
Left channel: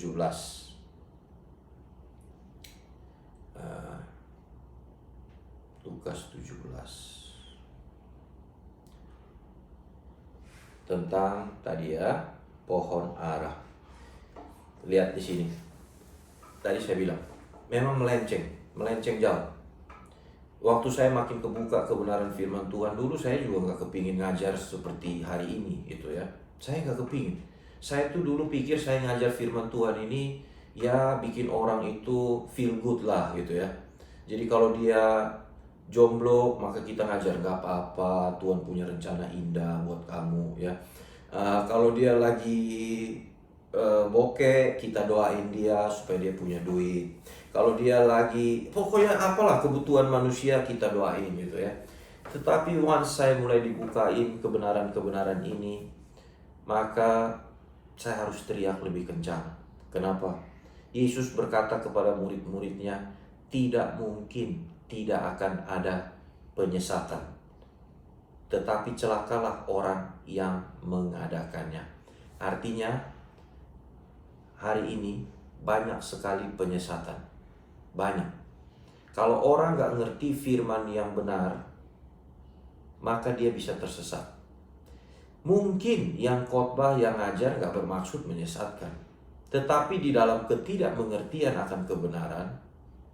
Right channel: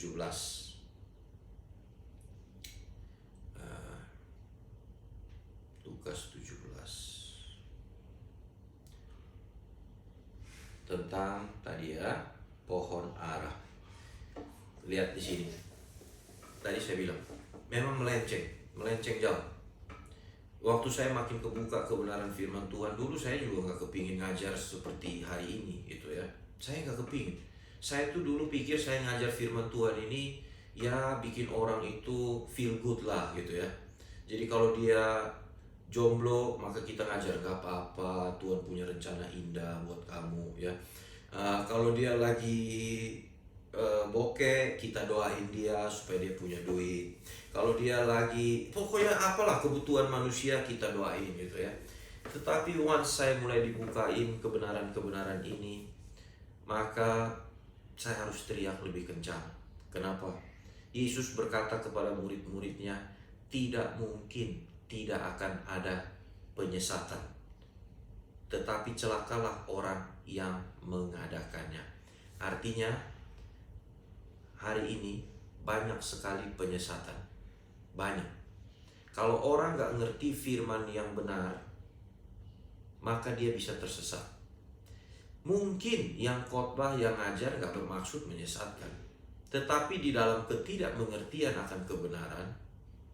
Lukas 17. Tentang tadi ya, pohon ara. Lihat di sini. Tadi saya bilang, memang melenceng jauh. Waktu saya makin kebuka kebenaran firman Tuhan, dulu saya juga gak kepingin ngajar seperti hari ini gitu ya. Saya gak kepingin. Saya tuh dulu pikir saya ngajar firman Tuhan ini ya bikin orang itu feel good lah gitu ya. Jadi kalau dia jomblo maka kita ngajar gak apa-apa, Tuhan punya rencana indah buat kamu ya. Kalau dia lagi bokeh, kita doain dia supaya dia punya duit. Kalau dia lagi pokoknya apalah kebutuhan manusia kita doain gitu ya. Tetapi once saya mulai dibukain kebenaran-kebenaran ini, maka saya harus teriak lebih kencang. Kenapa? Yesus berkata kepada murid-muridnya, tidak mungkin tidak akan ada penyesatan, tetapi celakalah orang yang mengadakannya. Artinya hari ini banyak sekali penyesatan. Banyak. Kalau orang gak ngerti firman yang benar, maka dia bisa tersesat. Mungkin yang khotbah, yang ngajar gak bermaksud menyesatkan, tetapi di dalam ketidakmengertian akan kebenaran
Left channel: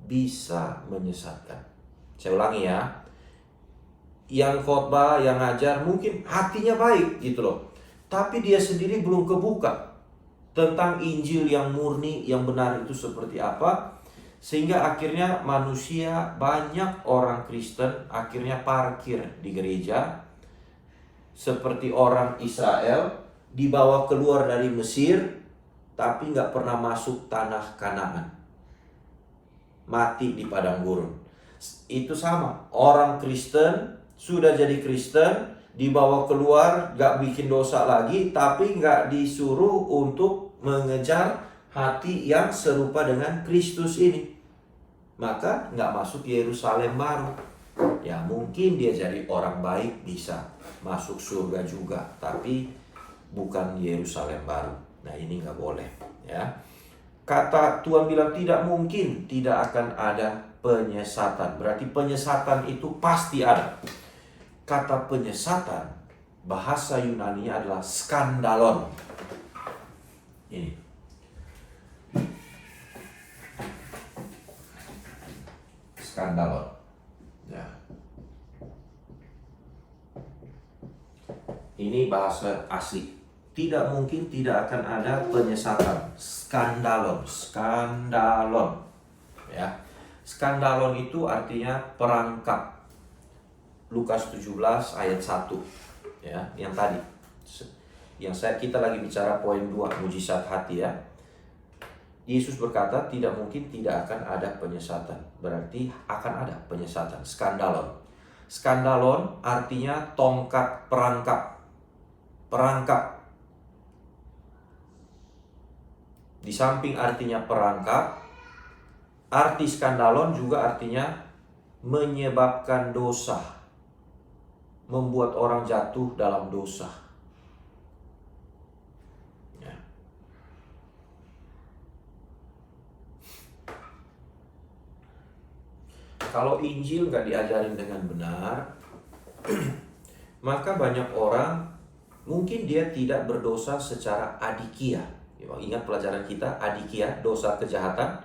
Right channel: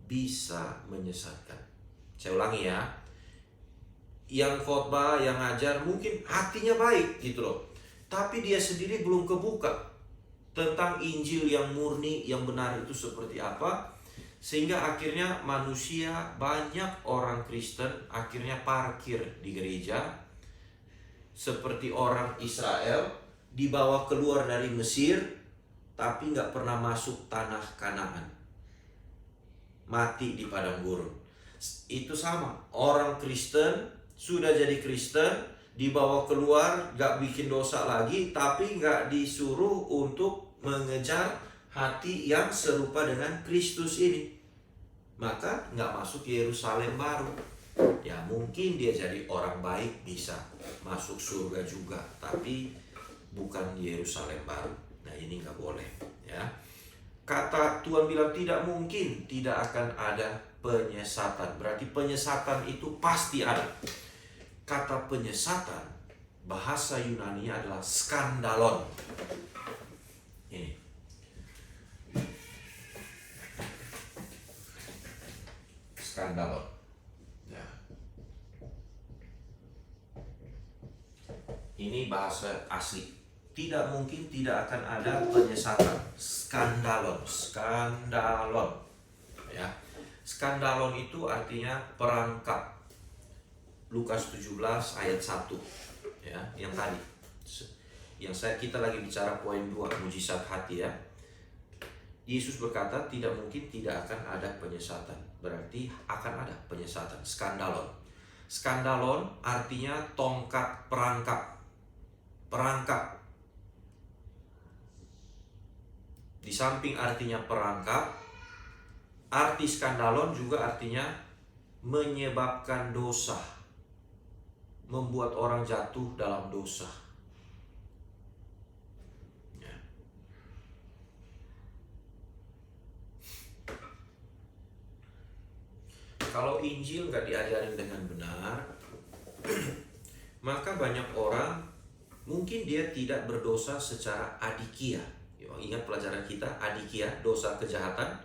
bisa menyesatkan. Saya ulangi ya. Yang khotbah, yang ngajar mungkin hatinya baik gitu loh, tapi dia sendiri belum kebuka tentang Injil yang murni, yang benar itu seperti apa. Sehingga akhirnya manusia, banyak orang Kristen akhirnya parkir di gereja seperti orang Israel, dibawa keluar dari Mesir tapi gak pernah masuk tanah Kanaan, mati di padang gurun. Itu sama, orang Kristen sudah jadi Kristen, dibawa keluar, gak bikin dosa lagi, tapi gak disuruh untuk mengejar hati yang serupa dengan Kristus ini. Maka gak masuk Yerusalem baru. Ya mungkin dia jadi orang baik, bisa masuk surga juga, tapi bukan Yerusalem baru. Nah ini gak boleh ya. Kata Tuhan bilang tidak mungkin tidak akan ada penyesatan. Berarti penyesatan itu pasti ada. Kata penyesatan, bahasa Yunani-nya adalah skandalon. Ini. Skandalon. Ya. Ini bahasa asli. Tidak mungkin tidak akan ada penyesatan. Skandalon. Ya. Skandalon itu artinya perangkap. Lukas 17 ayat 1 ya, yang tadi. Yang kita lagi bicara poin 2, mujizat hati ya. Yesus berkata tidak mungkin tidak akan ada penyesatan. Berarti akan ada penyesatan. Skandalon. Skandalon artinya tongkat perangkap. Perangkap. Di samping artinya perangkap, arti skandalon juga artinya menyebabkan dosa. Membuat orang jatuh dalam dosa. Ya. Kalau Injil nggak diajarin dengan benar, maka banyak orang mungkin dia tidak berdosa secara adikia. Ingat pelajaran kita, adikia, dosa kejahatan.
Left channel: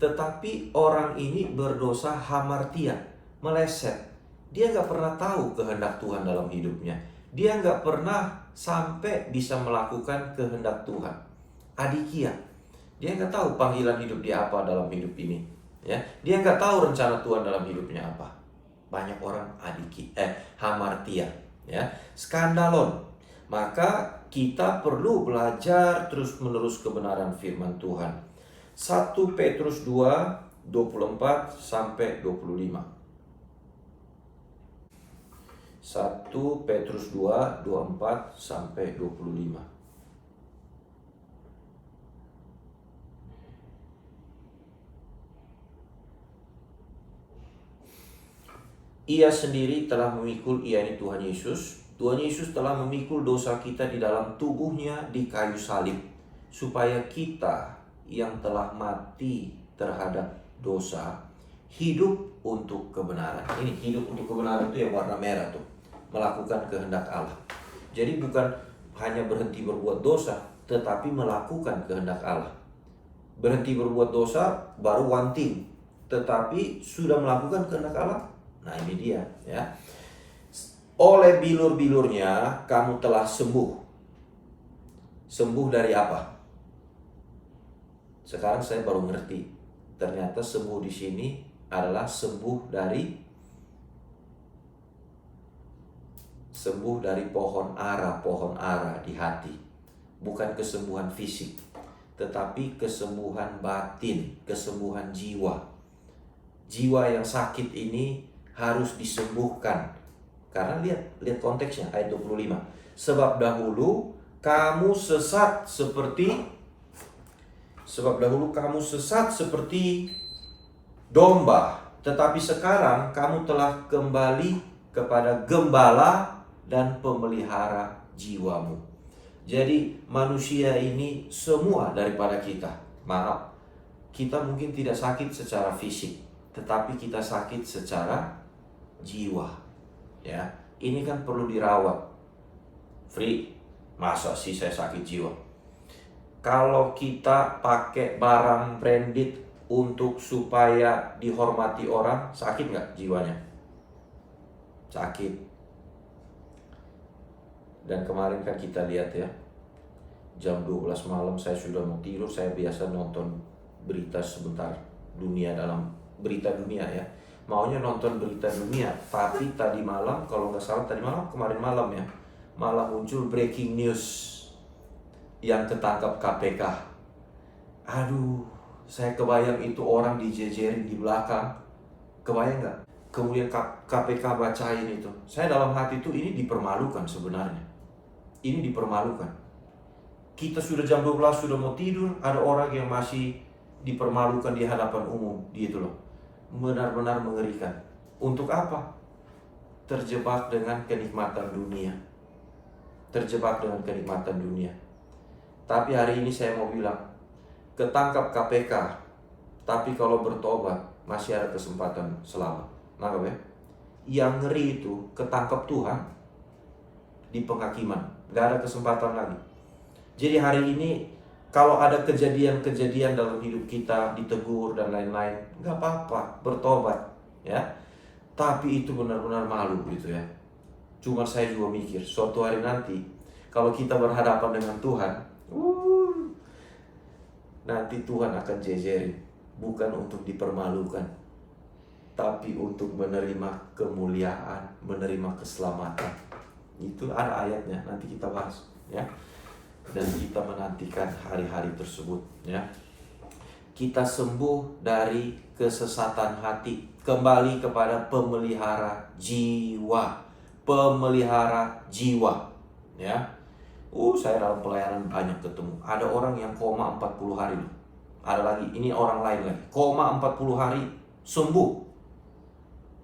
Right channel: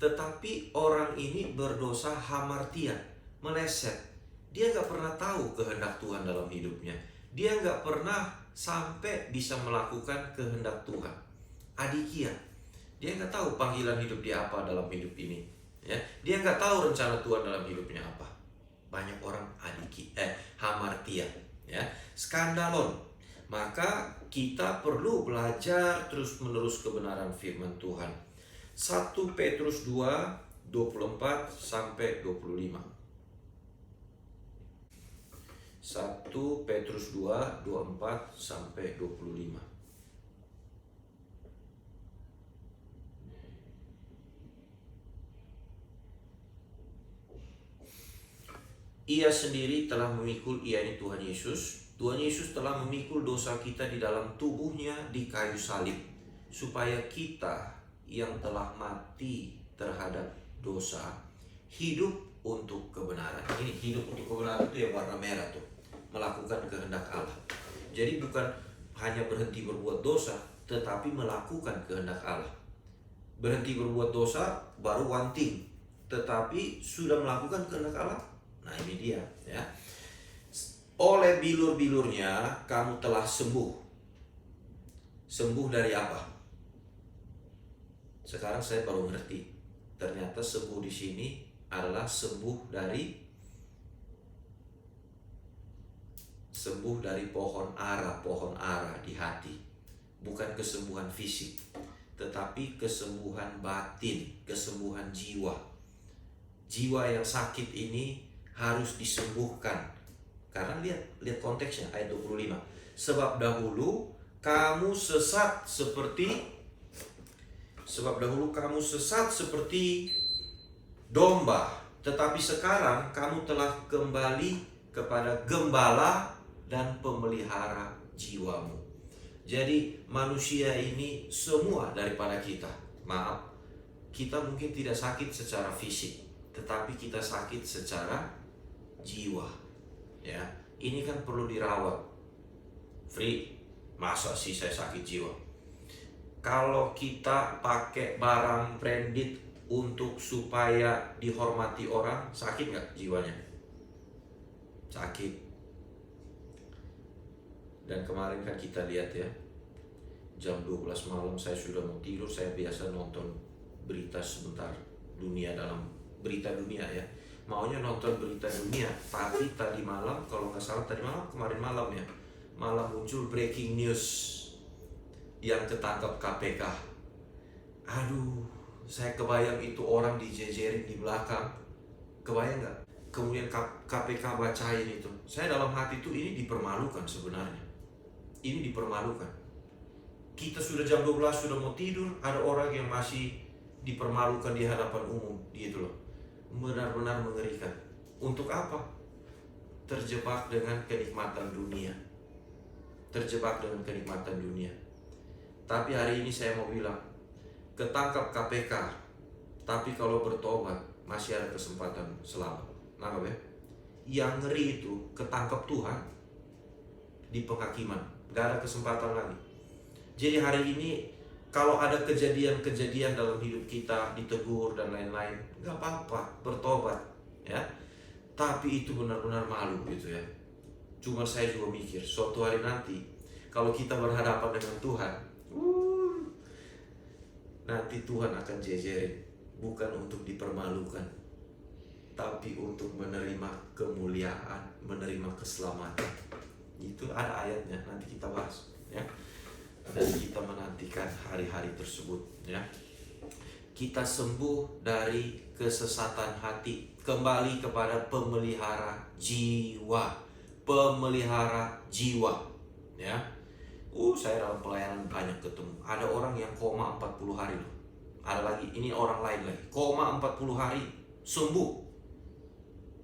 Tetapi orang ini berdosa hamartia, meleset. Dia nggak pernah tahu kehendak Tuhan dalam hidupnya. Dia nggak pernah sampai bisa melakukan kehendak Tuhan. Adikia. Dia nggak tahu panggilan hidup dia apa dalam hidup ini. Ya, dia nggak tahu rencana Tuhan dalam hidupnya apa. Banyak orang hamartia. Ya, skandalon. Maka kita perlu belajar terus-menerus kebenaran firman Tuhan. 1 Petrus 2, 24 sampai 25. 1 Petrus 2, 24 sampai 25. Ia sendiri telah memikul, yakni Tuhan Yesus. Tuhan Yesus telah memikul dosa kita di dalam tubuhnya di kayu salib, supaya kita yang telah mati terhadap dosa hidup untuk kebenaran. Ini hidup untuk kebenaran itu yang warna merah tuh, melakukan kehendak Allah. Jadi bukan hanya berhenti berbuat dosa, tetapi melakukan kehendak Allah. Berhenti berbuat dosa baru one thing, tetapi sudah melakukan kehendak Allah. Nah ini dia ya. Oleh bilur-bilurnya kamu telah sembuh. Sembuh dari apa? Sekarang saya baru ngerti. Ternyata sembuh di sini adalah sembuh dari pohon ara di hati. Bukan kesembuhan fisik, tetapi kesembuhan batin, kesembuhan jiwa. Jiwa yang sakit ini harus disembuhkan. Karena lihat konteksnya ayat 25. Sebab dahulu kamu sesat seperti domba, tetapi sekarang kamu telah kembali kepada gembala dan pemelihara jiwamu. Jadi manusia ini semua daripada kita. Maaf, kita mungkin tidak sakit secara fisik, tetapi kita sakit secara jiwa. Ya, ini kan perlu dirawat. Free, masa sih saya sakit jiwa? Kalau kita pakai barang branded untuk supaya dihormati orang, sakit nggak jiwanya? Sakit. Dan kemarin kan kita lihat ya, jam 12 malam saya sudah mau tidur. Saya biasa nonton berita sebentar, dunia dalam berita dunia ya. Maunya nonton berita dunia, tapi tadi malam, kalau nggak salah kemarin malam ya, malah muncul breaking news yang ketangkap KPK. Aduh, saya kebayang itu orang dijejerin di belakang. Kebayang nggak? Kemudian KPK bacain itu. Saya dalam hati itu ini dipermalukan sebenarnya. Ini dipermalukan. Kita sudah jam 12 sudah mau tidur, ada orang yang masih dipermalukan di hadapan umum, gitu loh. Benar-benar mengerikan. Untuk apa? Terjebak dengan kenikmatan dunia. Tapi hari ini saya mau bilang, ketangkap KPK, tapi kalau bertobat masih ada kesempatan selamat. Nangkap ya? Yang ngeri itu ketangkap Tuhan di penghakiman, gak ada kesempatan lagi. Jadi hari ini kalau ada kejadian-kejadian dalam hidup kita, ditegur dan lain-lain, gak apa-apa, bertobat ya. Tapi itu benar-benar malu gitu ya. Cuma saya juga mikir, suatu hari nanti kalau kita berhadapan dengan Tuhan, nanti Tuhan akan jejerin, bukan untuk dipermalukan, tapi untuk menerima kemuliaan, menerima keselamatan. Itu ada ayatnya, nanti kita bahas ya. Dan kita menantikan hari-hari tersebut ya. kita sembuh dari kesesatan hati, kembali kepada pemelihara jiwa. Pemelihara jiwa, ya. Saya dalam pelayanan banyak ketemu. Ada orang yang koma 40 hari loh. Ada lagi, ini orang lain lagi. Koma 40 hari, sembuh.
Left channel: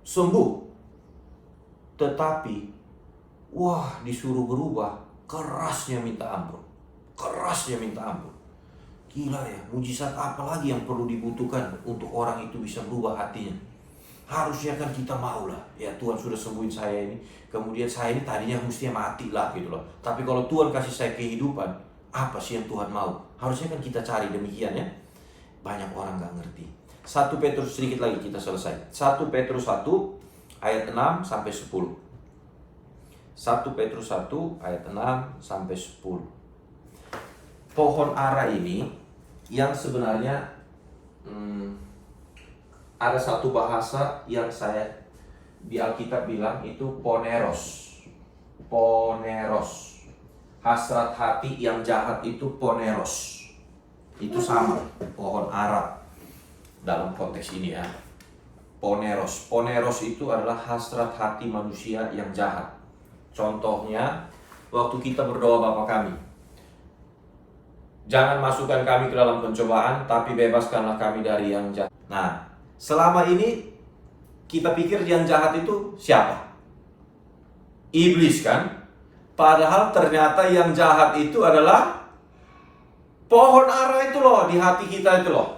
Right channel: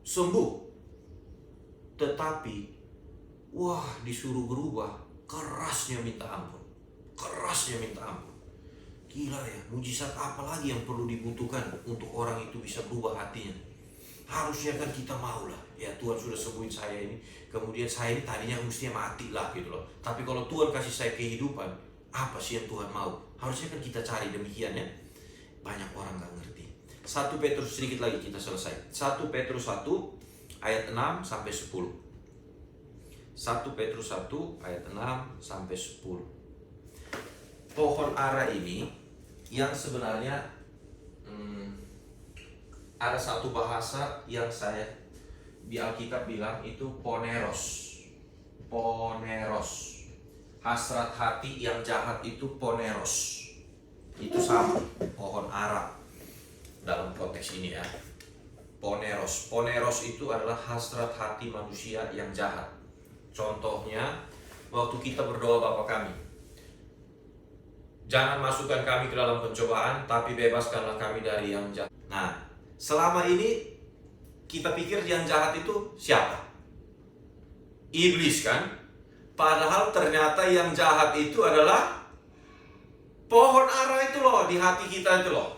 Sembuh. Tetapi, disuruh berubah, kerasnya minta ampun. Kerasnya minta ampun. Gila ya, mujizat apa lagi yang perlu dibutuhkan untuk orang itu bisa berubah hatinya? Harusnya kan kita mau lah, ya Tuhan sudah sembuhin saya ini, kemudian saya ini tadinya mestinya mati lah gitu loh. Tapi kalau Tuhan kasih saya kehidupan, apa sih yang Tuhan mau? Harusnya kan kita cari demikian ya. Banyak orang gak ngerti. 1 Petrus sedikit lagi kita selesai. 1 Petrus 1 ayat 6 sampai 10. 1 Petrus 1 ayat 6 sampai 10. Pohon ara ini yang sebenarnya ada satu bahasa yang saya di Alkitab bilang itu poneros. Poneros. Hasrat hati yang jahat itu poneros. Itu sama pohon ara dalam konteks ini ya. Poneros. Poneros itu adalah hasrat hati manusia yang jahat. Contohnya waktu kita berdoa Bapa kami, jangan masukkan kami ke dalam pencobaan, tapi bebaskanlah kami dari yang jahat. Nah, selama ini kita pikir yang jahat itu siapa? Iblis kan? Padahal ternyata yang jahat itu adalah pohon ara itu loh, di hati kita itu loh.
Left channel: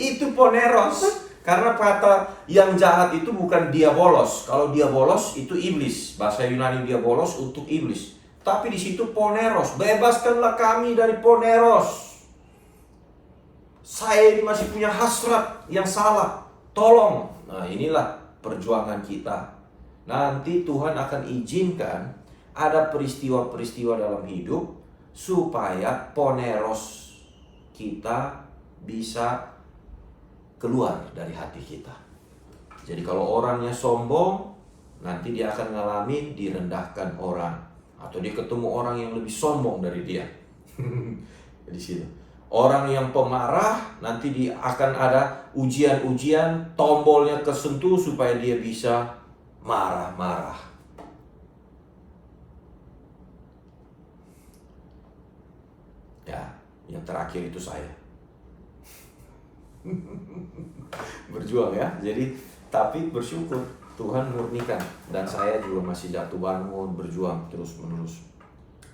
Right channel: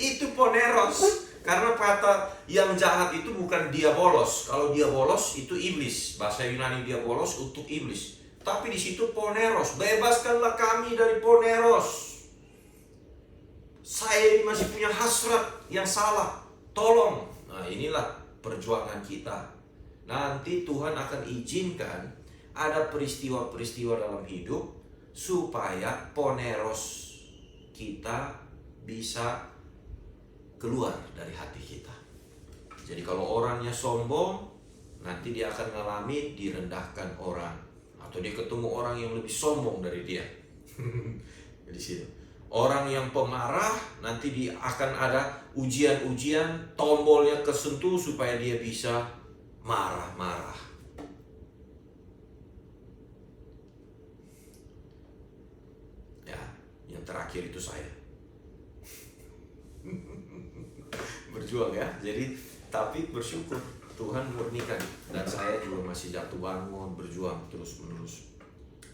Itu poneros. Karena kata yang jahat itu bukan diabolos. Kalau diabolos itu iblis. Bahasa Yunani diabolos untuk iblis. Tapi di situ poneros. Bebaskanlah kami dari poneros. Saya ini masih punya hasrat yang salah. Tolong. Nah, inilah perjuangan kita. Nanti Tuhan akan izinkan ada peristiwa-peristiwa dalam hidup supaya poneros kita bisa keluar dari hati kita. Jadi kalau orangnya sombong, nanti dia akan ngalamin direndahkan orang, atau dia ketemu orang yang lebih sombong dari dia. Di situ. Orang yang pemarah, nanti dia akan ada ujian-ujian, tombolnya kesentuh supaya dia bisa marah-marah. Ya, yang terakhir itu saya. Berjuang ya. Jadi tapi bersyukur Tuhan murnikan, dan saya juga masih jatuh bangun, berjuang terus menerus.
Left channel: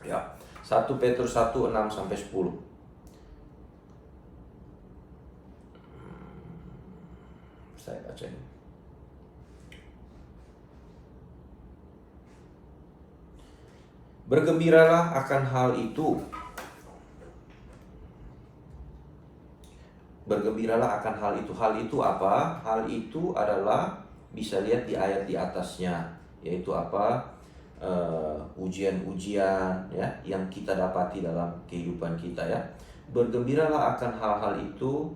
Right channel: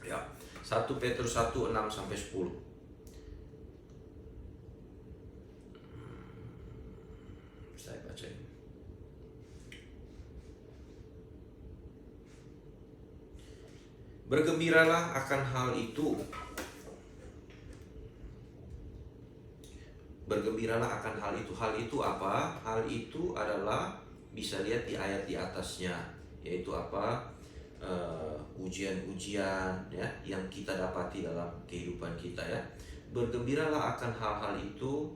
Ya. 1 Petrus 1 6 sampai 10. Saya baca ini. Bergembiralah akan hal itu. Bergembiralah akan hal itu. Hal itu apa? Hal itu adalah, bisa lihat di ayat di atasnya, yaitu apa? Ujian-ujian ya yang kita dapati dalam kehidupan kita ya. Bergembiralah akan hal-hal itu.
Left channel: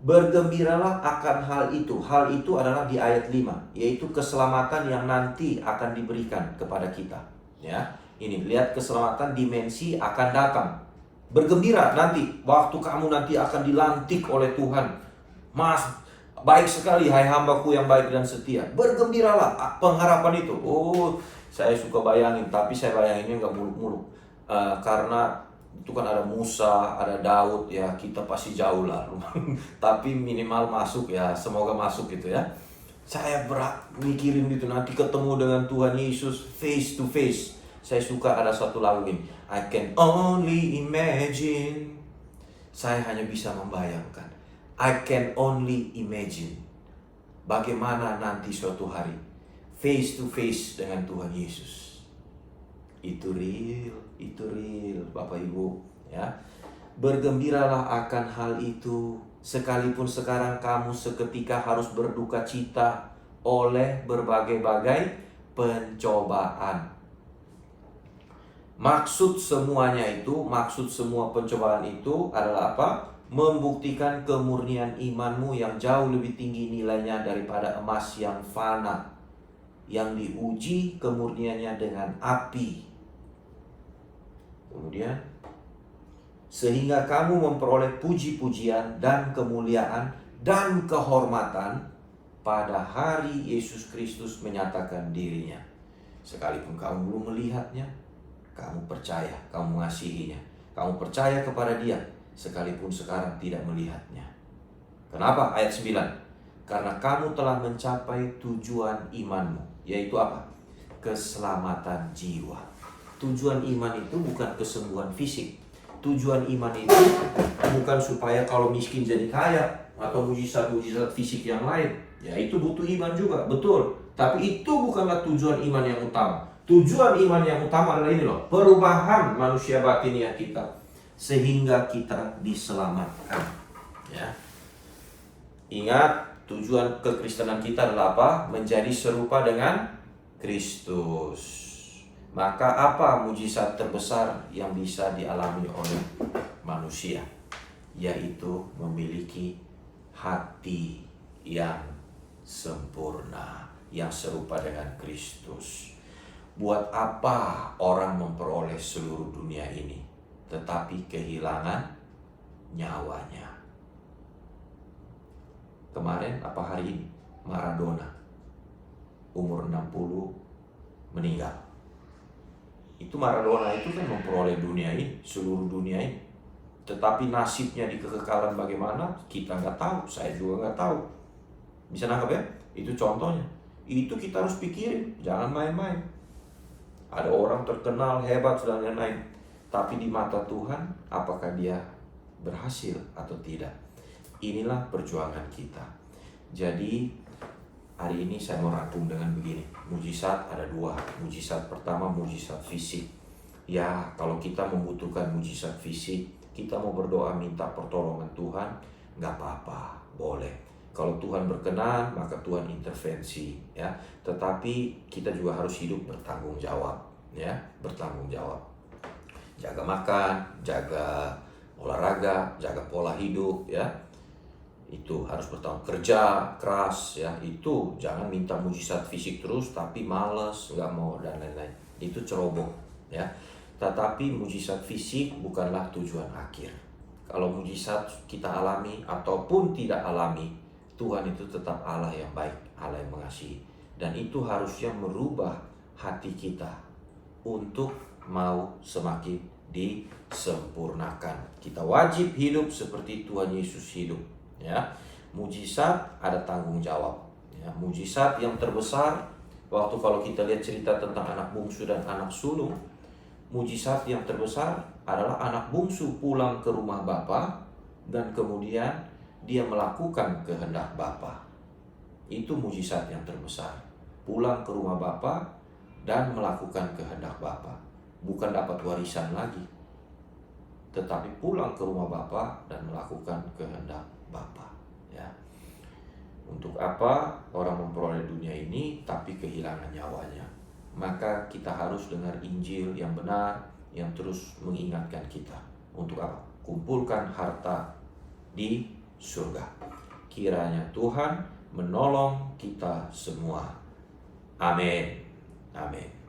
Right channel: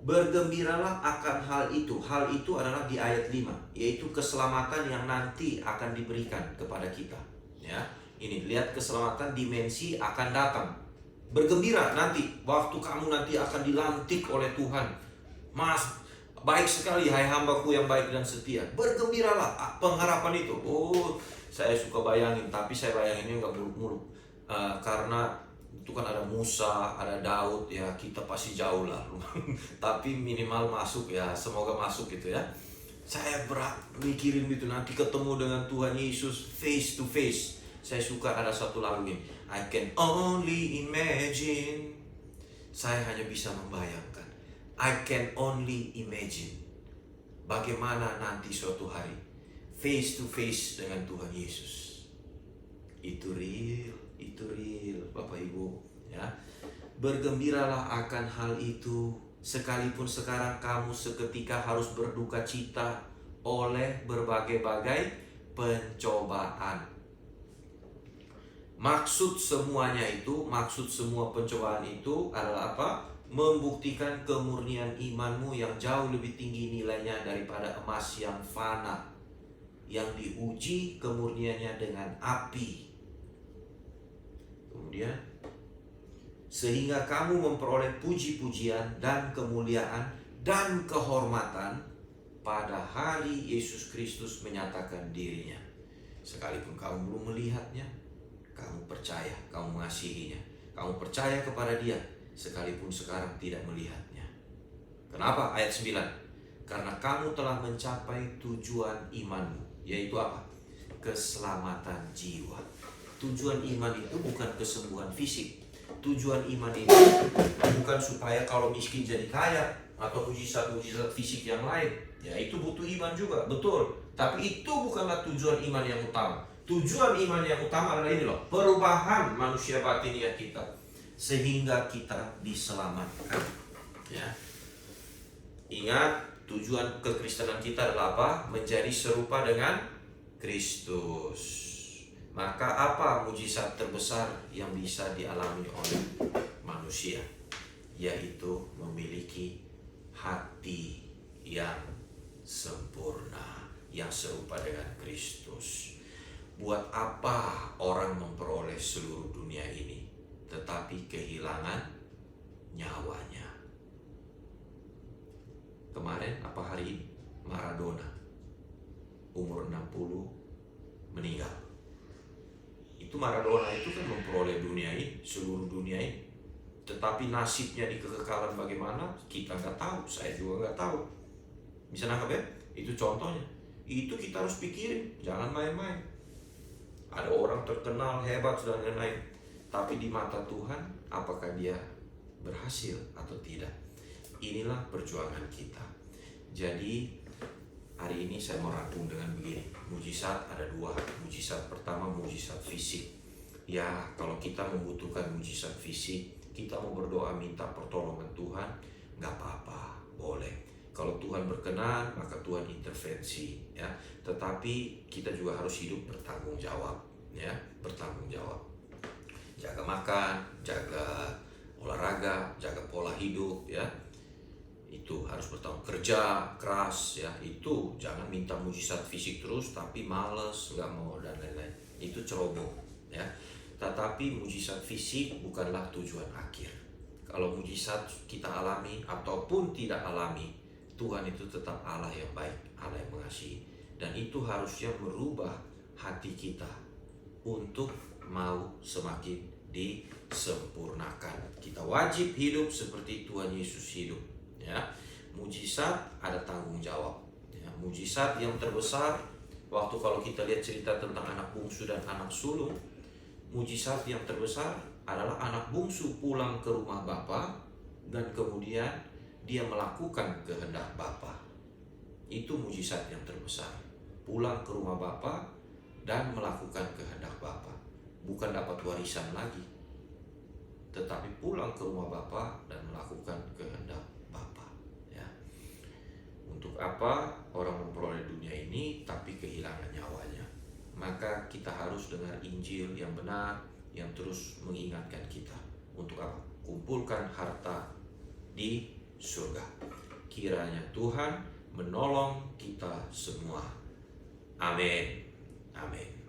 Bergembiralah akan hal itu. Hal itu adalah di ayat 5, yaitu keselamatan yang nanti akan diberikan kepada kita ya. Ini lihat, keselamatan dimensi akan datang. Bergembira nanti, waktu kamu nanti akan dilantik oleh Tuhan. Mas, baik sekali hai hambaku yang baik dan setia. Bergembiralah, pengharapan itu. Saya suka bayangin, tapi saya bayanginnya nggak muluk-muluk. Karena itu kan ada Musa, ada Daud ya, kita pasti jauh lah. Tapi minimal masuk ya, semoga masuk gitu ya. Saya mikirin gitu, nanti ketemu dengan Tuhan Yesus face to face. Saya suka ada satu lagu ini, I can only imagine. Saya hanya bisa membayangkan. I can only imagine bagaimana nanti suatu hari face to face dengan Tuhan Yesus. Itu real Bapak Ibu ya. Bergembiralah akan hal itu, sekalipun sekarang kamu seketika harus berduka cita oleh berbagai-bagai pencobaan. Maksud semua pencobaan itu adalah apa? Membuktikan kemurnian imanmu yang jauh lebih tinggi nilainya daripada emas yang fana, yang diuji kemurniannya dengan api. Kemudian sehingga kamu memperoleh puji-pujian dan kemuliaan dan kehormatan pada hari Yesus Kristus menyatakan dirinya. Sekalipun kamu belum melihatnya, kamu percaya, kamu mengasihinya, kamu percaya kepada dia, sekalipun sekarang tidak melihatnya. Kenapa? Ayat 9. Karena kamu telah mencapai tujuan imanmu, yaitu apa? Keselamatan jiwa. Tujuan iman itu bukan kesembuhan fisik. Tujuan iman itu bukan supaya kalau miskin jadi kaya atau mujizat-mujizat fisik yang lain. Ya, itu butuh iman juga, betul. Tapi itu bukanlah tujuan iman yang utama. Tujuan iman yang utama adalah ini loh, perubahan manusia batiniah kita sehingga kita diselamatkan. Ya. Ingat, tujuan kekristenan kita adalah apa? Menjadi serupa dengan Kristus. Maka apa mujizat terbesar yang bisa dialami oleh manusia? Yaitu memiliki hati yang sempurna, yang serupa dengan Kristus. Buat apa orang memperoleh seluruh dunia ini tetapi kehilangan nyawanya? Kemarin apa hari ini? Maradona umur 60 meninggal. Itu Maradona itu kan memperoleh dunia ini, seluruh dunia ini. Tetapi nasibnya di kekekalan bagaimana? Kita nggak tahu, saya juga nggak tahu. Bisa nangkap ya? Itu contohnya. Itu kita harus pikirin, jangan main-main. Ada orang terkenal, hebat, dan lain-lain. Tapi di mata Tuhan, apakah dia berhasil atau tidak? Inilah perjuangan kita. Jadi, hari ini saya mau rangkum dengan begini. Mujizat ada dua. Mujizat pertama, mujizat fisik. Ya, kalau kita membutuhkan mujizat fisik, kita mau berdoa minta pertolongan Tuhan, nggak apa-apa, boleh. Kalau Tuhan berkenan, maka Tuhan intervensi, ya. Tetapi kita juga harus hidup bertanggung jawab, ya, bertanggung jawab. Jaga makan, jaga olahraga, jaga pola hidup, ya. Itu harus bertanggung, kerja keras, ya. Itu jangan minta mujizat fisik terus tapi malas, nggak mau dan lain-lain. Itu ceroboh, ya. Tetapi mujizat fisik bukanlah tujuan akhir. Kalau mujizat kita alami ataupun tidak alami, Tuhan itu tetap Allah yang baik, Allah yang mengasihi. Dan itu harusnya merubah hati kita untuk mau semakin disempurnakan. Kita wajib hidup seperti Tuhan Yesus hidup. Ya, mujizat ada tanggung jawab. Ya, mujizat yang terbesar waktu kalau kita lihat cerita tentang anak bungsu dan anak sulung, mujizat yang terbesar adalah anak bungsu pulang ke rumah bapa dan kemudian dia melakukan kehendak bapa. Itu mujizat yang terbesar. Pulang ke rumah bapa dan melakukan kehendak bapa. Bukan dapat warisan lagi, tetapi pulang ke rumah bapa dan melakukan kehendak Bapa, ya. Untuk apa orang memperoleh dunia ini tapi kehilangan nyawanya? Maka kita harus dengar Injil yang benar, yang terus mengingatkan kita. Untuk apa? Kumpulkan harta di surga. Kiranya Tuhan menolong kita semua. Amin. Amin.